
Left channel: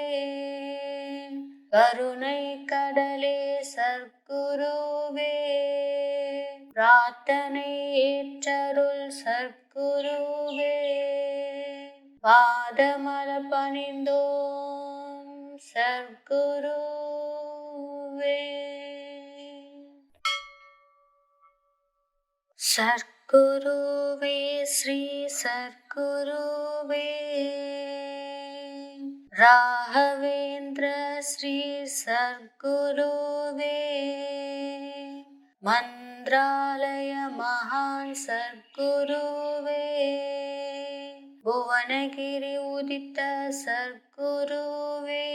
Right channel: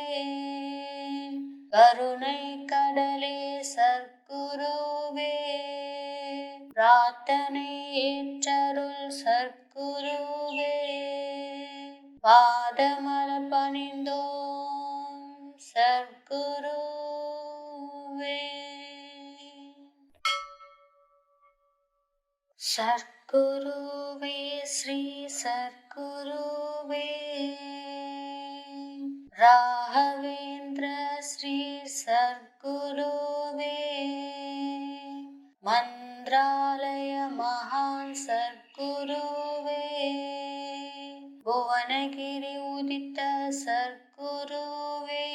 கருணை கடலே சர்க்குருவே, பிரார்த்தனை ஏற்றருள் சர்க்குருவே, பாதமலர் பணிந்தோம் சர்க்குருவே. சர்க்குருவே ஸ்ரீ சர்க்குருவே, ராகவேந்திர ஸ்ரீ சர்க்குருவே, மந்த்ராலய மகான் சர்க்குருவே, புவனகிரி உதித்த சர்க்குருவே,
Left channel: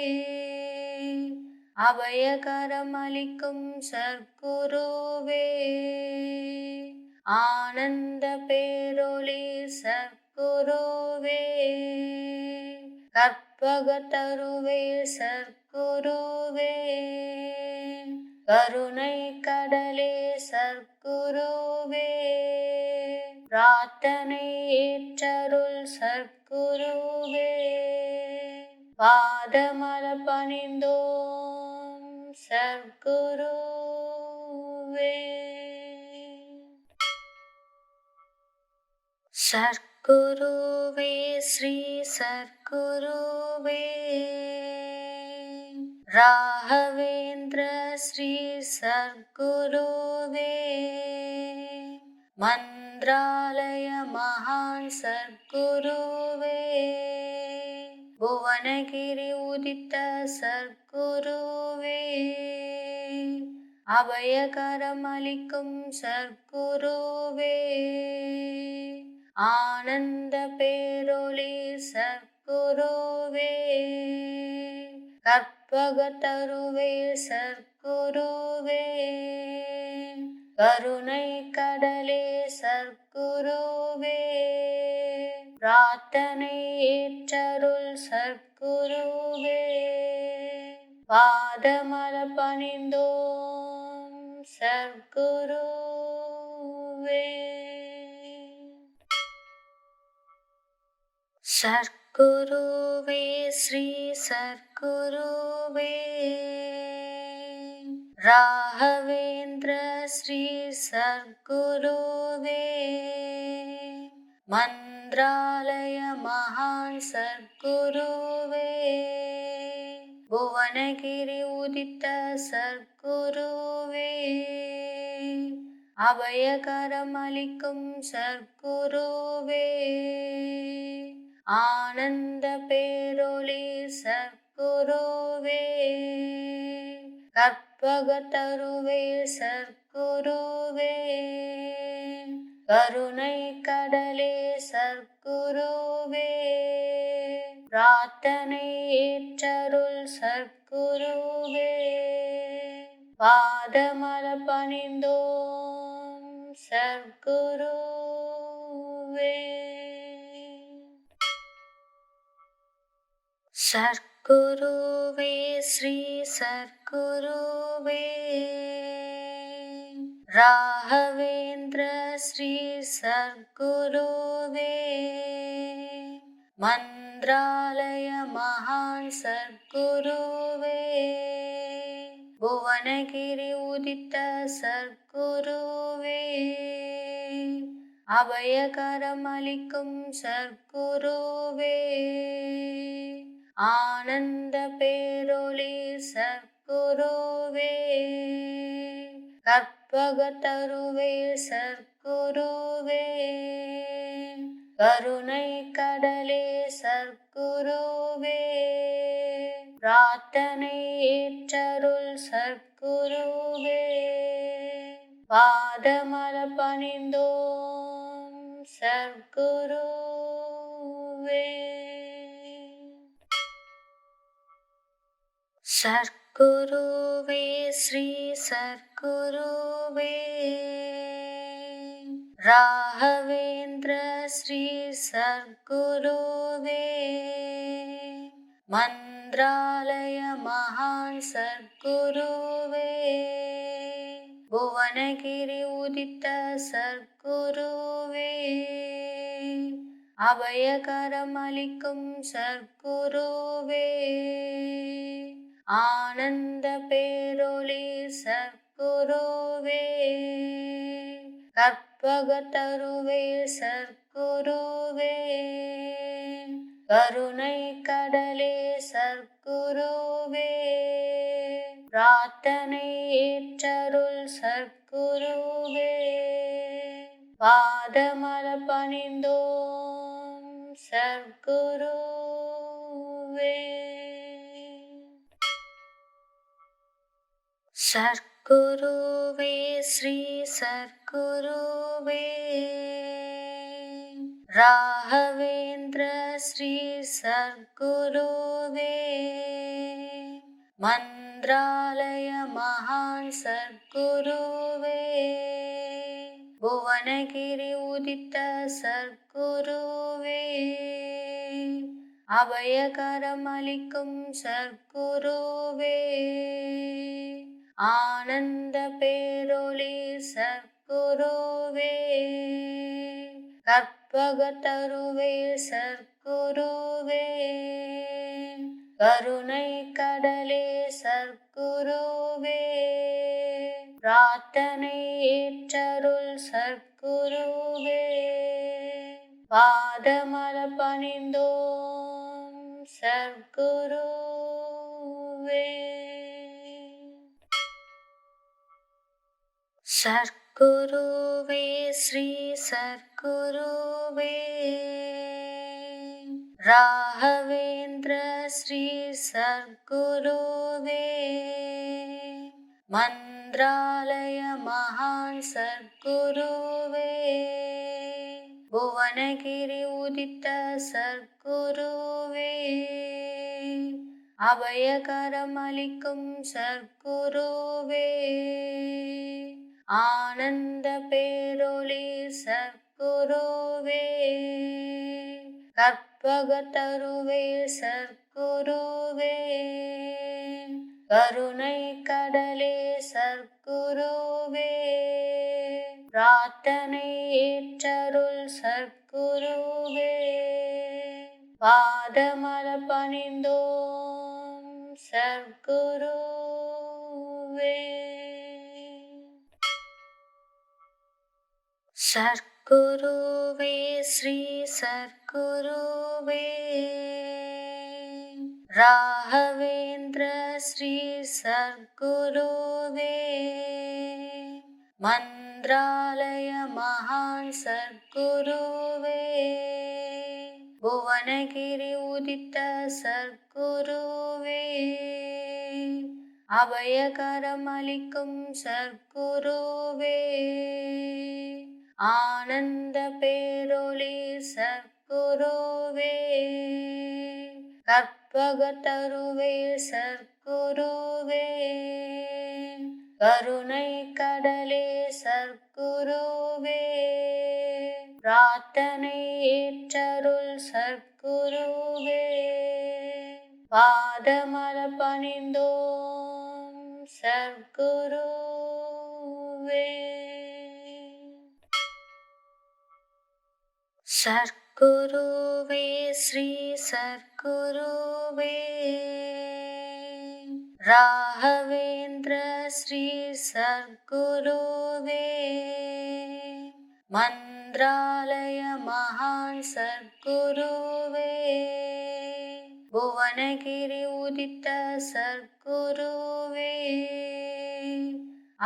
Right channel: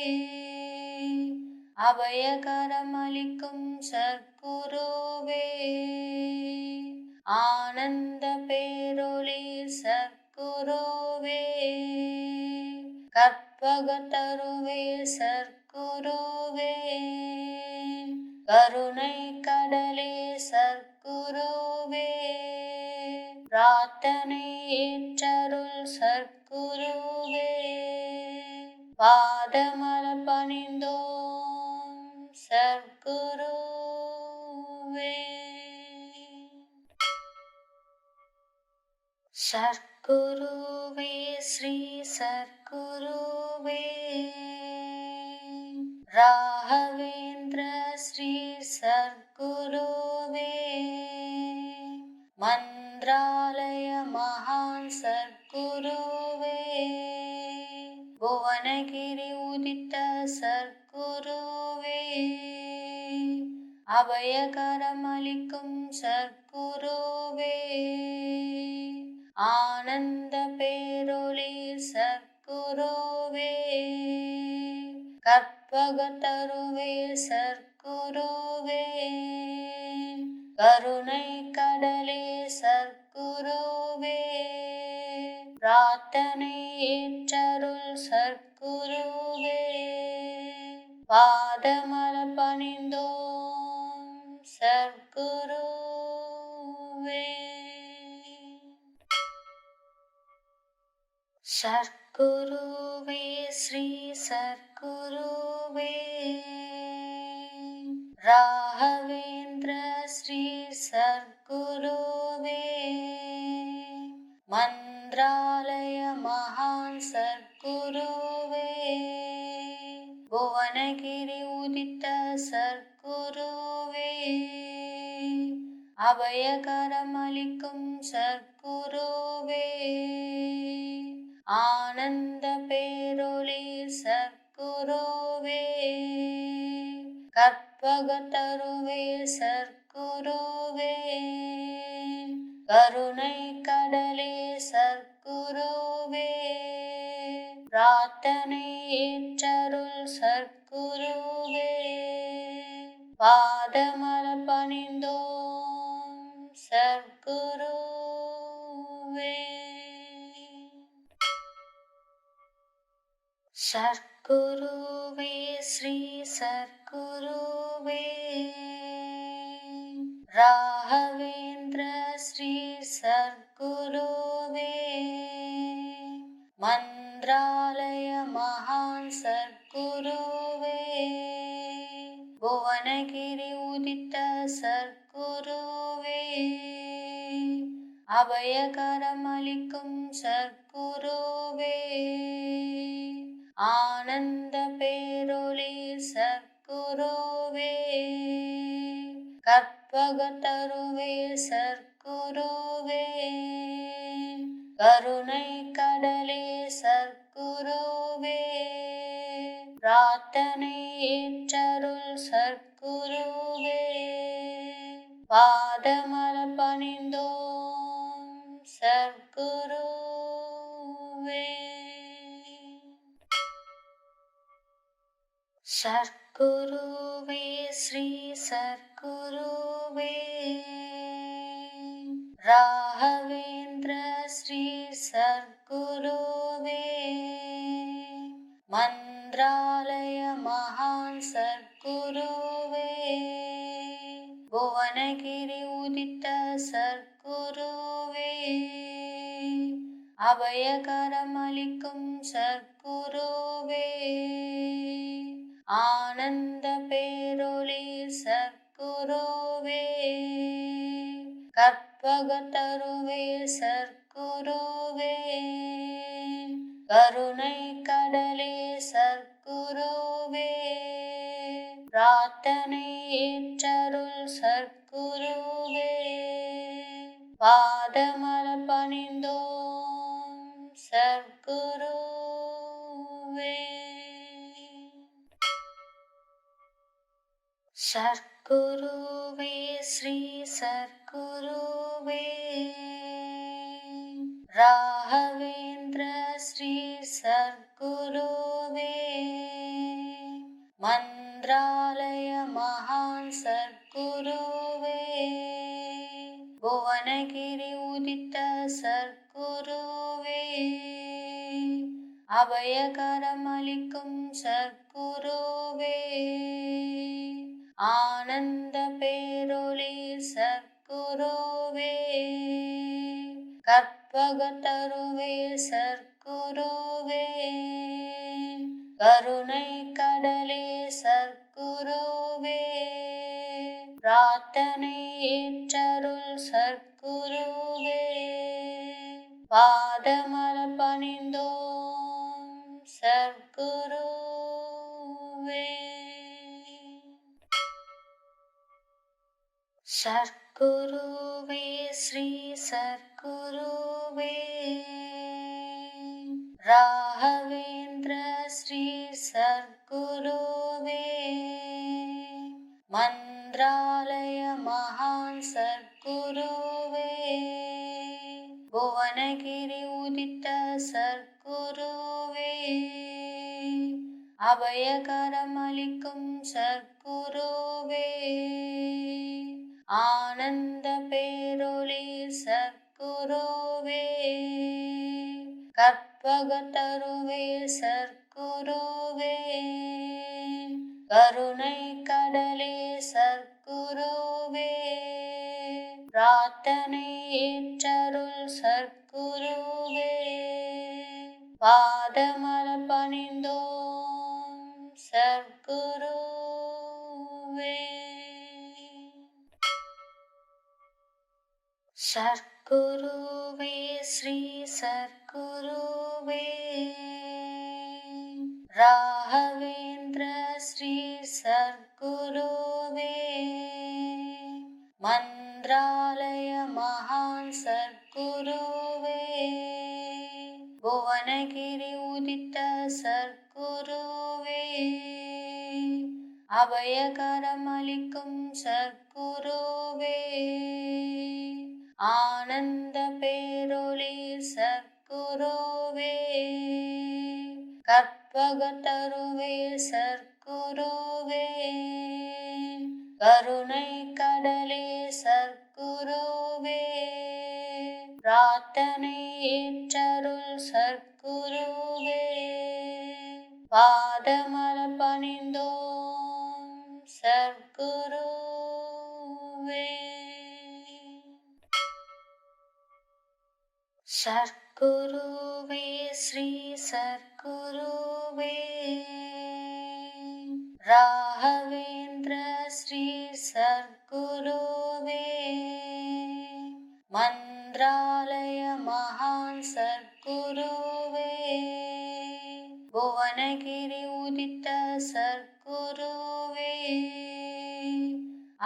அபயகரம் அளிக்கும் சர்க்குருவே, ஆனந்த பேரொளி சர்க்குருவே, கற்பகத்தருவே சர்க்குருவே, கருணை கடலே சர்க்குருவே, பிரார்த்தனை ஏற்றருள் சர்க்குருவே, பாதமலர் பணிந்தோம் சர்க்குருவே. சர்க்குருவே ஸ்ரீ சர்க்குருவே, ராகவேந்திர ஸ்ரீ சர்க்குருவே, மந்த்ராலய மகான் சர்க்குருவே, புவனகிரி உதித்த சர்க்குருவே, அபயகரம் அளிக்கும் சர்க்குருவே, ஆனந்த பேரொளி சர்க்குருவே, கற்பகத்தருவே சர்க்குருவே, கருணை கடலே சர்க்குருவே, பிரார்த்தனை ஏற்றருள் சர்க்குருவே, பாதமலர் பணிந்தோம் சர்க்குருவே. சர்க்குருவே ஸ்ரீ சர்க்குருவே, ராகவேந்திர ஸ்ரீ சர்க்குருவே, மந்த்ராலய மகான் சர்க்குருவே, புவனகிரி உதித்த சர்க்குருவே, அபயகரம் அளிக்கும் சர்க்குருவே, ஆனந்த பேரொளி சர்க்குருவே, கற்பகத்தருவே சர்க்குருவே, கருணை கடலே சர்க்குருவே, பிரார்த்தனை ஏற்றருள் சர்க்குருவே, பாதமலர் பணிந்தோம் சர்க்குருவே. சர்க்குருவே ஸ்ரீ சர்க்குருவே, ராகவேந்திர ஸ்ரீ சர்க்குருவே, மந்த்ராலய மந்திராலய மகான் சர்க்குருவே புவனகிரி உதித்த சர்க்குருவே அபயகரமளிக்கும் சர்க்குருவே ஆனந்த பேரொளி சர்க்குருவே கற்பகத்தருவே சர்க்குருவே கருணை கடலே சர்க்குருவே பிரார்த்தனை ஏற்றருள் சர்க்குருவே பாதமலர் பணிந்தோம் சர்க்குருவே. சர்க்குருவே ஸ்ரீ சர்க்குருவே ராகவேந்திர ஸ்ரீ சர்க்குருவே மந்திராலய மகான் சர்க்குருவே புவனகிரி உதித்த சர்க்குருவே அபயகரமளிக்கும் சர்க்குருவே ஆனந்த பேரொளி சர்க்குருவே கற்பகத்தருவே சர்க்குருவே கருணை கடலே சர்க்குருவே பிரார்த்தனை ஏற்றருள் சர்க்குருவே பாதமலர் பணிந்தோம் சர்க்குருவே. சர்க்குருவே ஸ்ரீ சர்க்குருவே ராகவேந்திர ஸ்ரீ சர்க்குருவே மந்திராலய மகான் சர்க்குருவே புவனகிரி உதித்த சர்க்குருவே அபயகரமளிக்கும் சர்க்குருவே ஆனந்த பேரொளி சர்க்குருவே கற்பகத்தருவே சர்க்குருவே கருணை கடலே சர்க்குருவே பிரார்த்தனை ஏற்றருள் சர்க்குருவே பாதமலர் பணிந்தோம் சர்க்குருவே. சர்க்குருவே ஸ்ரீ சர்க்குருவே ராகவேந்திர ஸ்ரீ சர்க்குருவே மந்திராலய மகான் சர்க்குருவே புவனகிரி உதித்த சர்க்குருவே அபயகரமளிக்கும் சர்க்குருவே ஆனந்த பேரொளி சர்க்குருவே கற்பகத்தருவே சர்க்குருவே கருணை கடலே சர்க்குருவே பிரார்த்தனை ஏற்றருள் சர்க்குருவே பாதமலர் பணிந்தோம் சர்க்குருவே. சர்க்குருவே ஸ்ரீ சர்க்குருவே ராகவேந்திர ஸ்ரீ சர்க்குருவே மந்திராலய மகான் சர்க்குருவே புவனகிரி உதித்த சர்க்குருவே அபயகரமளிக்கும் சர்க்குருவே ஆனந்த பேரொளி சர்க்குருவே கற்பகத்தருவே சர்க்குருவே கருணை கடலே சர்க்குருவே பிரார்த்தனை ஏற்றருள் சர்க்குருவே பாதமலர் பணிந்தோம் சர்க்குருவே. சர்க்குருவே ஸ்ரீ சர்க்குருவே சர்க்குருவே ராகவேந்திர ஸ்ரீ சர்க்குருவே மந்த்ராலய மகான் சர்க்குருவே புவனகிரி உதித்த சர்க்குருவே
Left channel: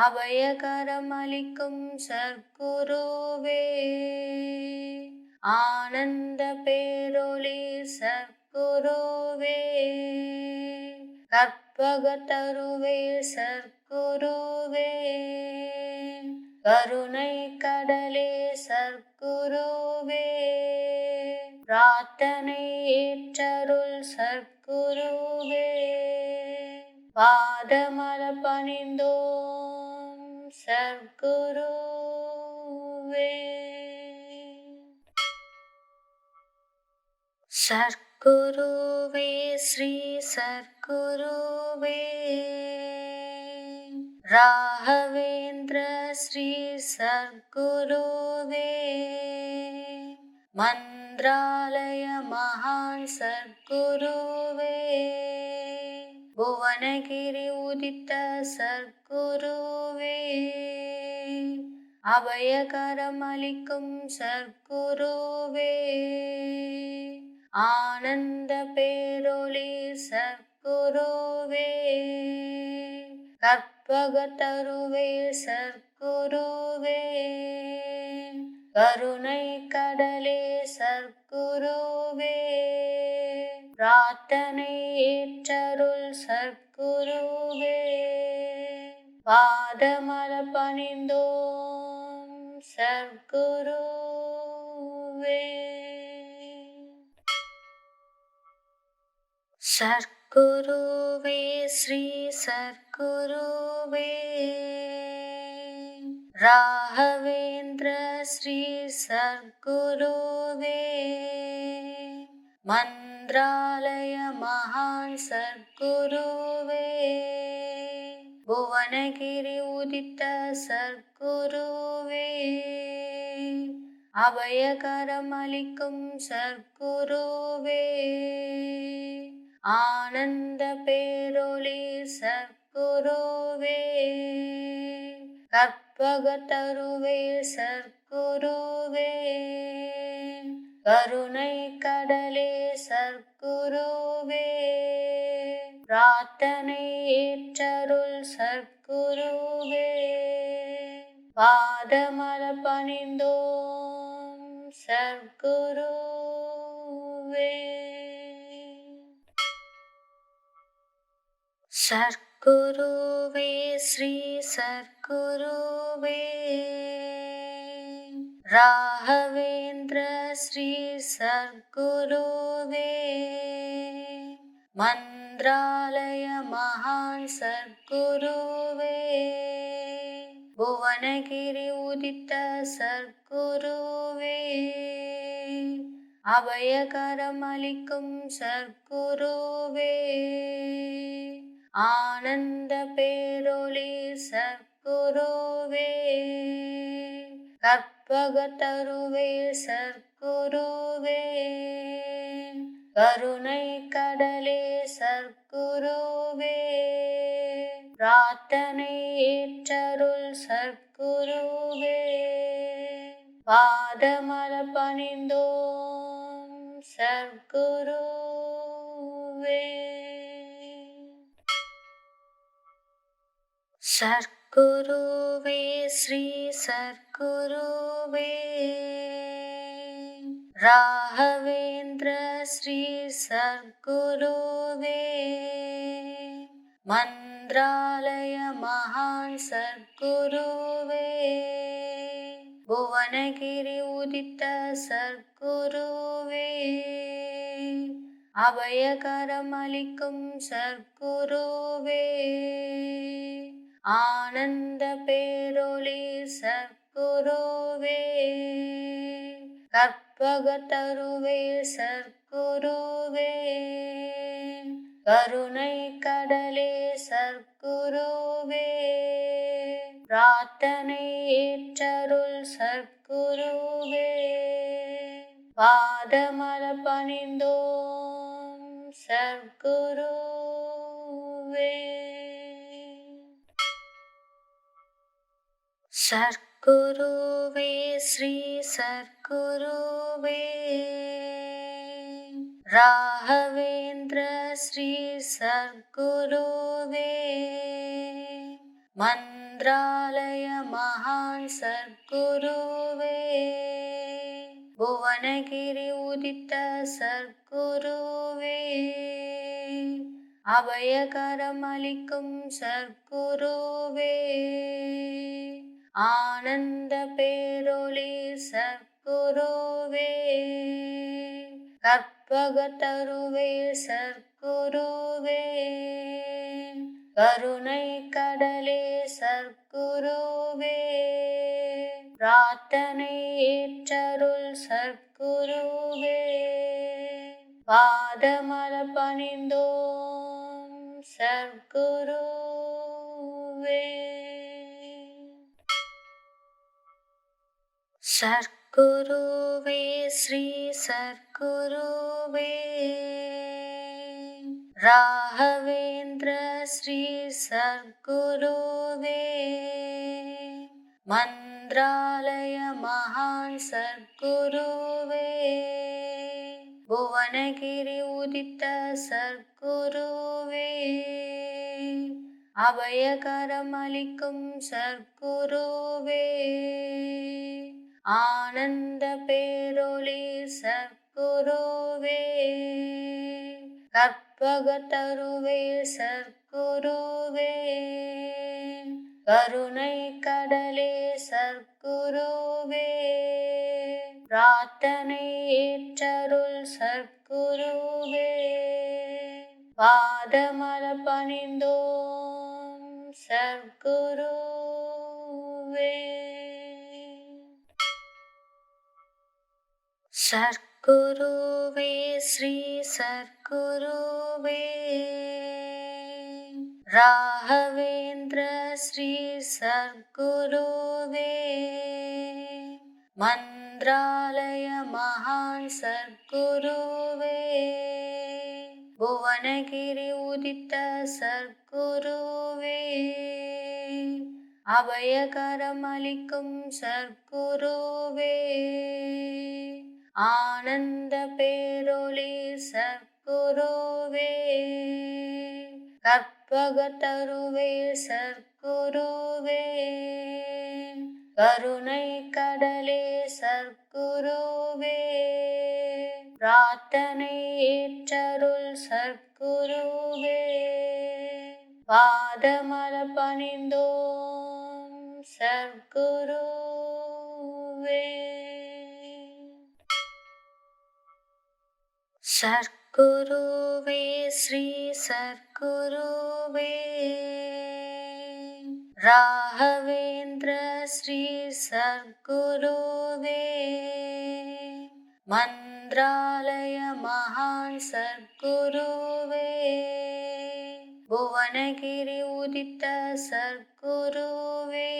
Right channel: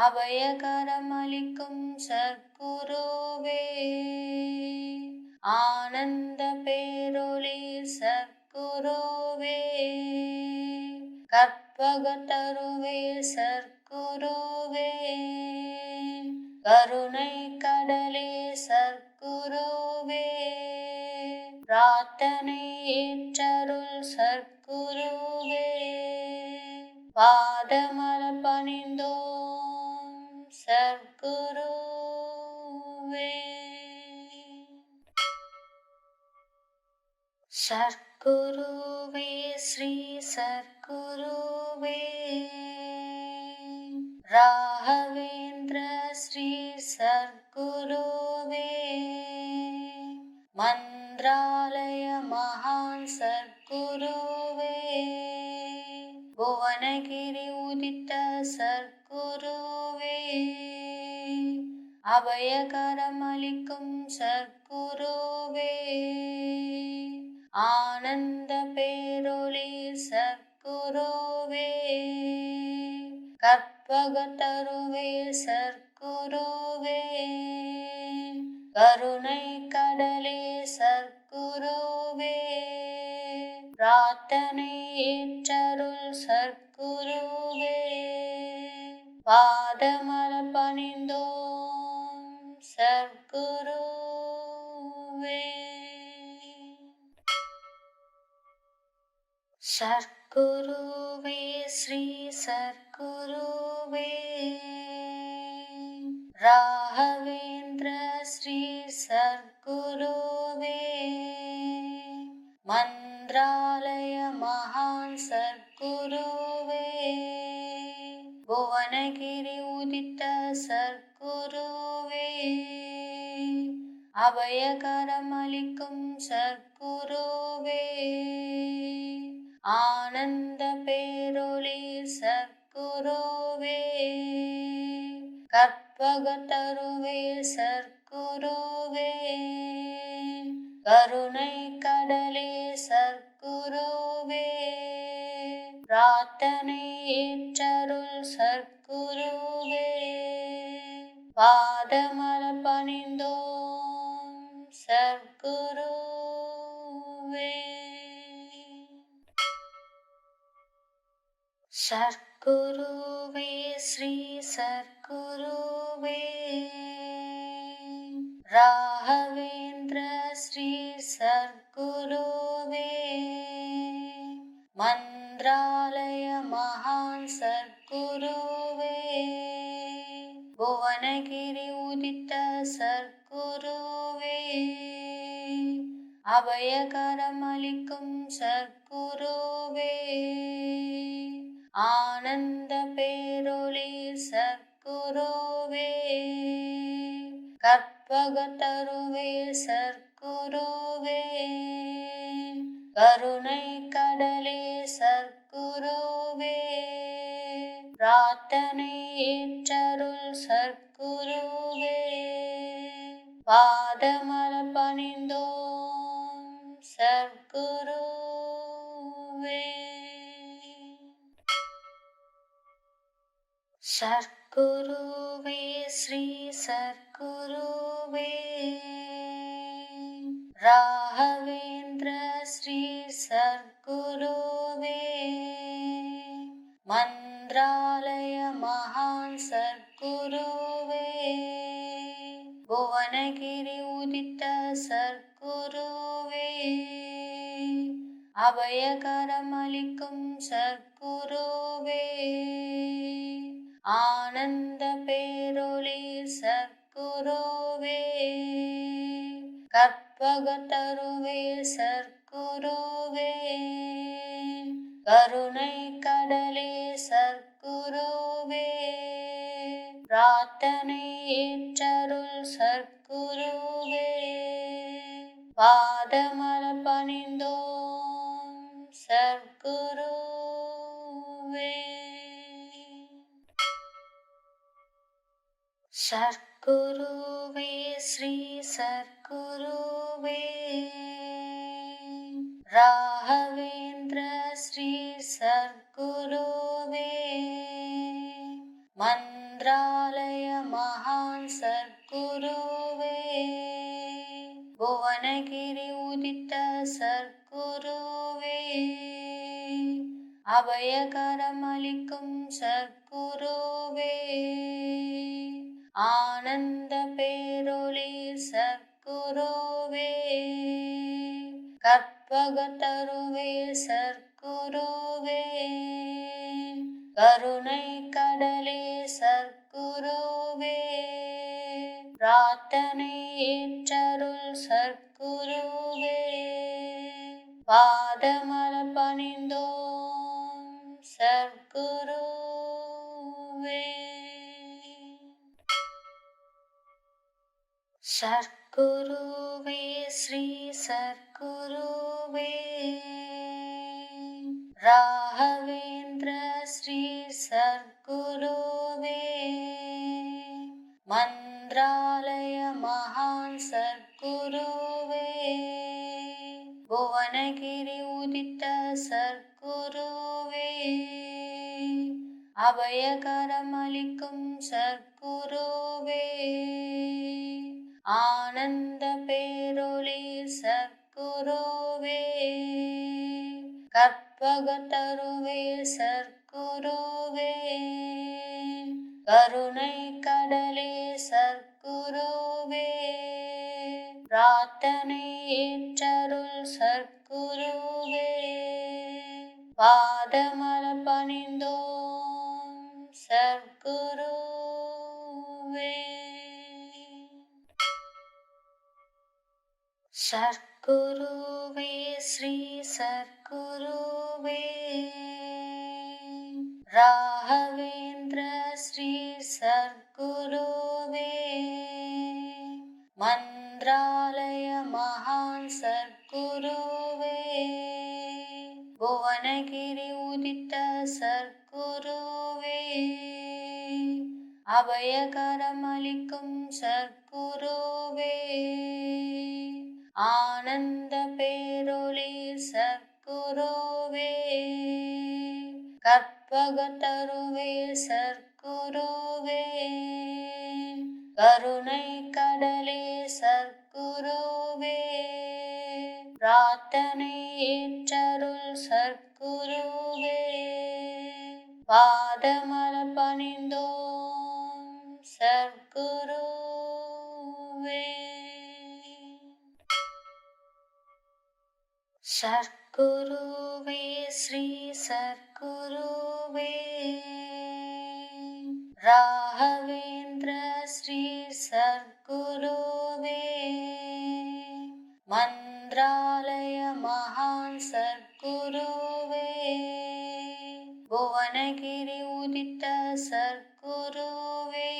அபயகரமளிக்கும் சர்க்குருவே ஆனந்த பேரொளி சர்க்குருவே கற்பகத்தருவே சர்க்குருவே கருணை கடலே சர்க்குருவே பிரார்த்தனை ஏற்றருள் சர்க்குருவே பாதமலர் பணிந்தோம் சர்க்குருவே. சர்க்குருவே ஸ்ரீ சர்க்குருவே ராகவேந்திர ஸ்ரீ சர்க்குருவே மந்த்ராலய மகான் சர்க்குருவே புவனகிரி உதித்த சர்க்குருவே அபயகரமளிக்கும் சர்க்குருவே ஆனந்த பேரொளி சர்க்குருவே கற்பகத்தருவே சர்க்குருவே கருணை கடலே சர்க்குருவே பிரார்த்தனை ஏற்றருள் சர்க்குருவே பாதமலர் பணிந்தோம் சர்க்குருவே. சர்க்குருவே ஸ்ரீ சர்க்குருவே ராகவேந்திர ஸ்ரீ சர்க்குருவே மந்த்ராலய மகான் சர்க்குருவே புவனகிரி உதித்த சர்க்குருவே அபயகரமளிக்கும் சர்க்குருவே ஆனந்த பேரொளி சர்க்குருவே கற்பகத்தருவே சர்க்குருவே கருணை கடலே சர்க்குருவே பிரார்த்தனை ஏற்றருள் சர்க்குருவே பாதமலர் பணிந்தோம் சர்க்குருவே. சர்க்குருவே ஸ்ரீ சர்க்குருவே ராகவேந்திர ஸ்ரீ சர்க்குருவே மந்த்ராலய மகான் சர்க்குருவே புவனகிரி உதித்த சர்க்குருவே அபயகரமளிக்கும் சர்க்குருவே ஆனந்த பேரொளி சர்க்குருவே கற்பகத்தருவே சர்க்குருவே கருணை கடலே சர்க்குருவே பிரார்த்தனை ஏற்றருள் சர்க்குருவே பாதமலர் பணிந்தோம் சர்க்குருவே. சர்க்குருவே ஸ்ரீ சர்க்குருவே ராகவேந்திர ஸ்ரீ சர்க்குருவே மந்த்ராலய மகான் சர்க்குருவே புவனகிரி உதித்த சர்க்குருவே அபயகரமளிக்கும் சர்க்குருவே ஆனந்த பேரொளி சர்க்குருவே கற்பகத்தருவே சர்க்குருவே கருணை கடலே சர்க்குருவே பிரார்த்தனை ஏற்றருள் சர்க்குருவே பாதமலர் பணிந்தோம் சர்க்குருவே. சர்க்குருவே ஸ்ரீ சர்க்குருவே, ராகவேந்திர ஸ்ரீ சர்க்குருவே, மந்த்ராலய மகான் சர்க்குருவே, புவனகிரி உதித்த சர்க்குருவே, அபயகரமளிக்கும் சர்க்குருவே, ஆனந்த பேரொளி சர்க்குருவே, கற்பகத்தருவே சர்க்குருவே, கருணை கடலே சர்க்குருவே, பிரார்த்தனை ஏற்றருள் சர்க்குருவே, பாதமலர் பணிந்தோம் சர்க்குருவே. சர்க்குருவே ஸ்ரீ சர்க்குருவே, ராகவேந்திர ஸ்ரீ சர்க்குருவே, மந்த்ராலய மகான் சர்க்குருவே, புவனகிரி உதித்த சர்க்குருவே, அபயகரமளிக்கும் சர்க்குருவே, ஆனந்த பேரொளி சர்க்குருவே, கற்பகத்தருவே சர்க்குருவே, கருணை கடலே சர்க்குருவே, பிரார்த்தனை ஏற்றருள் சர்க்குருவே, பாதமலர் பணிந்தோம் சர்க்குருவே. சர்க்குருவே ஸ்ரீ சர்க்குருவே, ராகவேந்திர ஸ்ரீ சர்க்குருவே, மந்த்ராலய மகான் சர்க்குருவே, புவனகிரி உதித்த சர்க்குருவே, அபயகரமளிக்கும் சர்க்குருவே, ஆனந்த பேரொளி சர்க்குருவே, கற்பகத்தருவே சர்க்குருவே, கருணை கடலே சர்க்குருவே, பிரார்த்தனை ஏற்றருள் சர்க்குருவே, பாதமலர் பணிந்தோம் சர்க்குருவே. சர்க்குருவே ஸ்ரீ சர்க்குருவே, ராகவேந்திர ஸ்ரீ சர்க்குருவே, மந்த்ராலய மகான் சர்க்குருவே, புவனகிரி உதித்த சர்க்குருவே,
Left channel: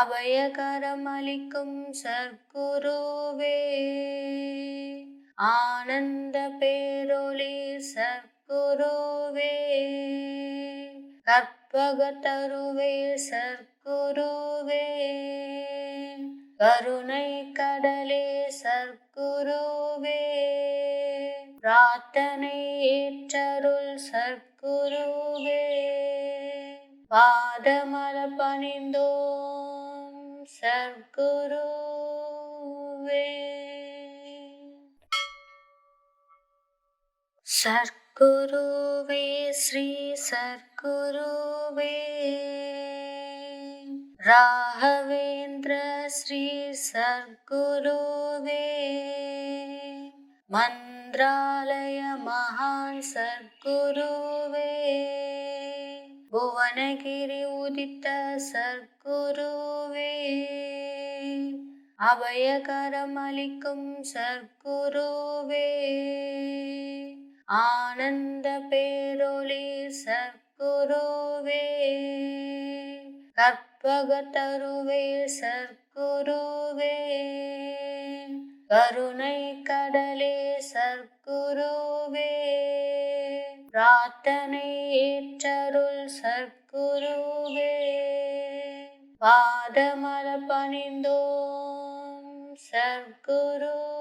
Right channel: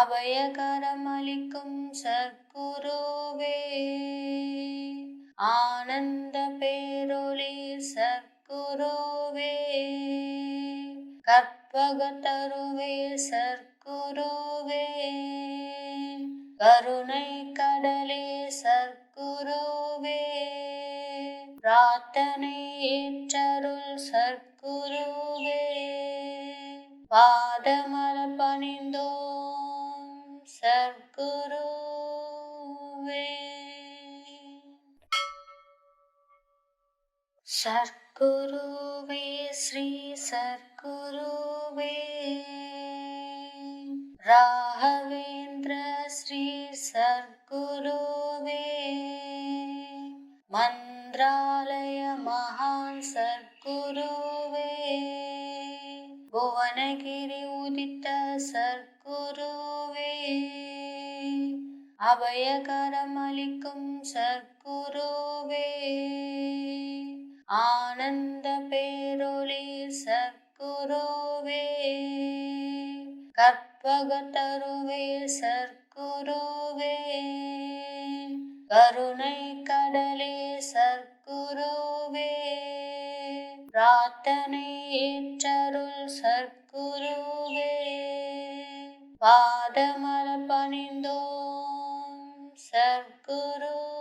அபயகரமளிக்கும் சர்க்குருவே, ஆனந்த பேரொளி சர்க்குருவே, கற்பகத்தருவே சர்க்குருவே, கருணை கடலே சர்க்குருவே, பிரார்த்தனை ஏற்றருள் சர்க்குருவே, பாதமலர் பணிந்தோம் சர்க்குருவே. சர்க்குருவே ஸ்ரீ சர்க்குருவே, ராகவேந்திர ஸ்ரீ சர்க்குருவே, மந்த்ராலய மகான் சர்க்குருவே, புவனகிரி உதித்த சர்க்குருவே, அபயகரமளிக்கும் சர்க்குருவே, ஆனந்த பேரொளி சர்க்குருவே, கற்பகத்தருவே சர்க்குருவே, கருணை கடலே சர்க்குருவே, சத்குருவே பிரார்த்தனை ஏற்றருள் சத்குருவே பாதமலர் பணிந்தோம் சத்குருவே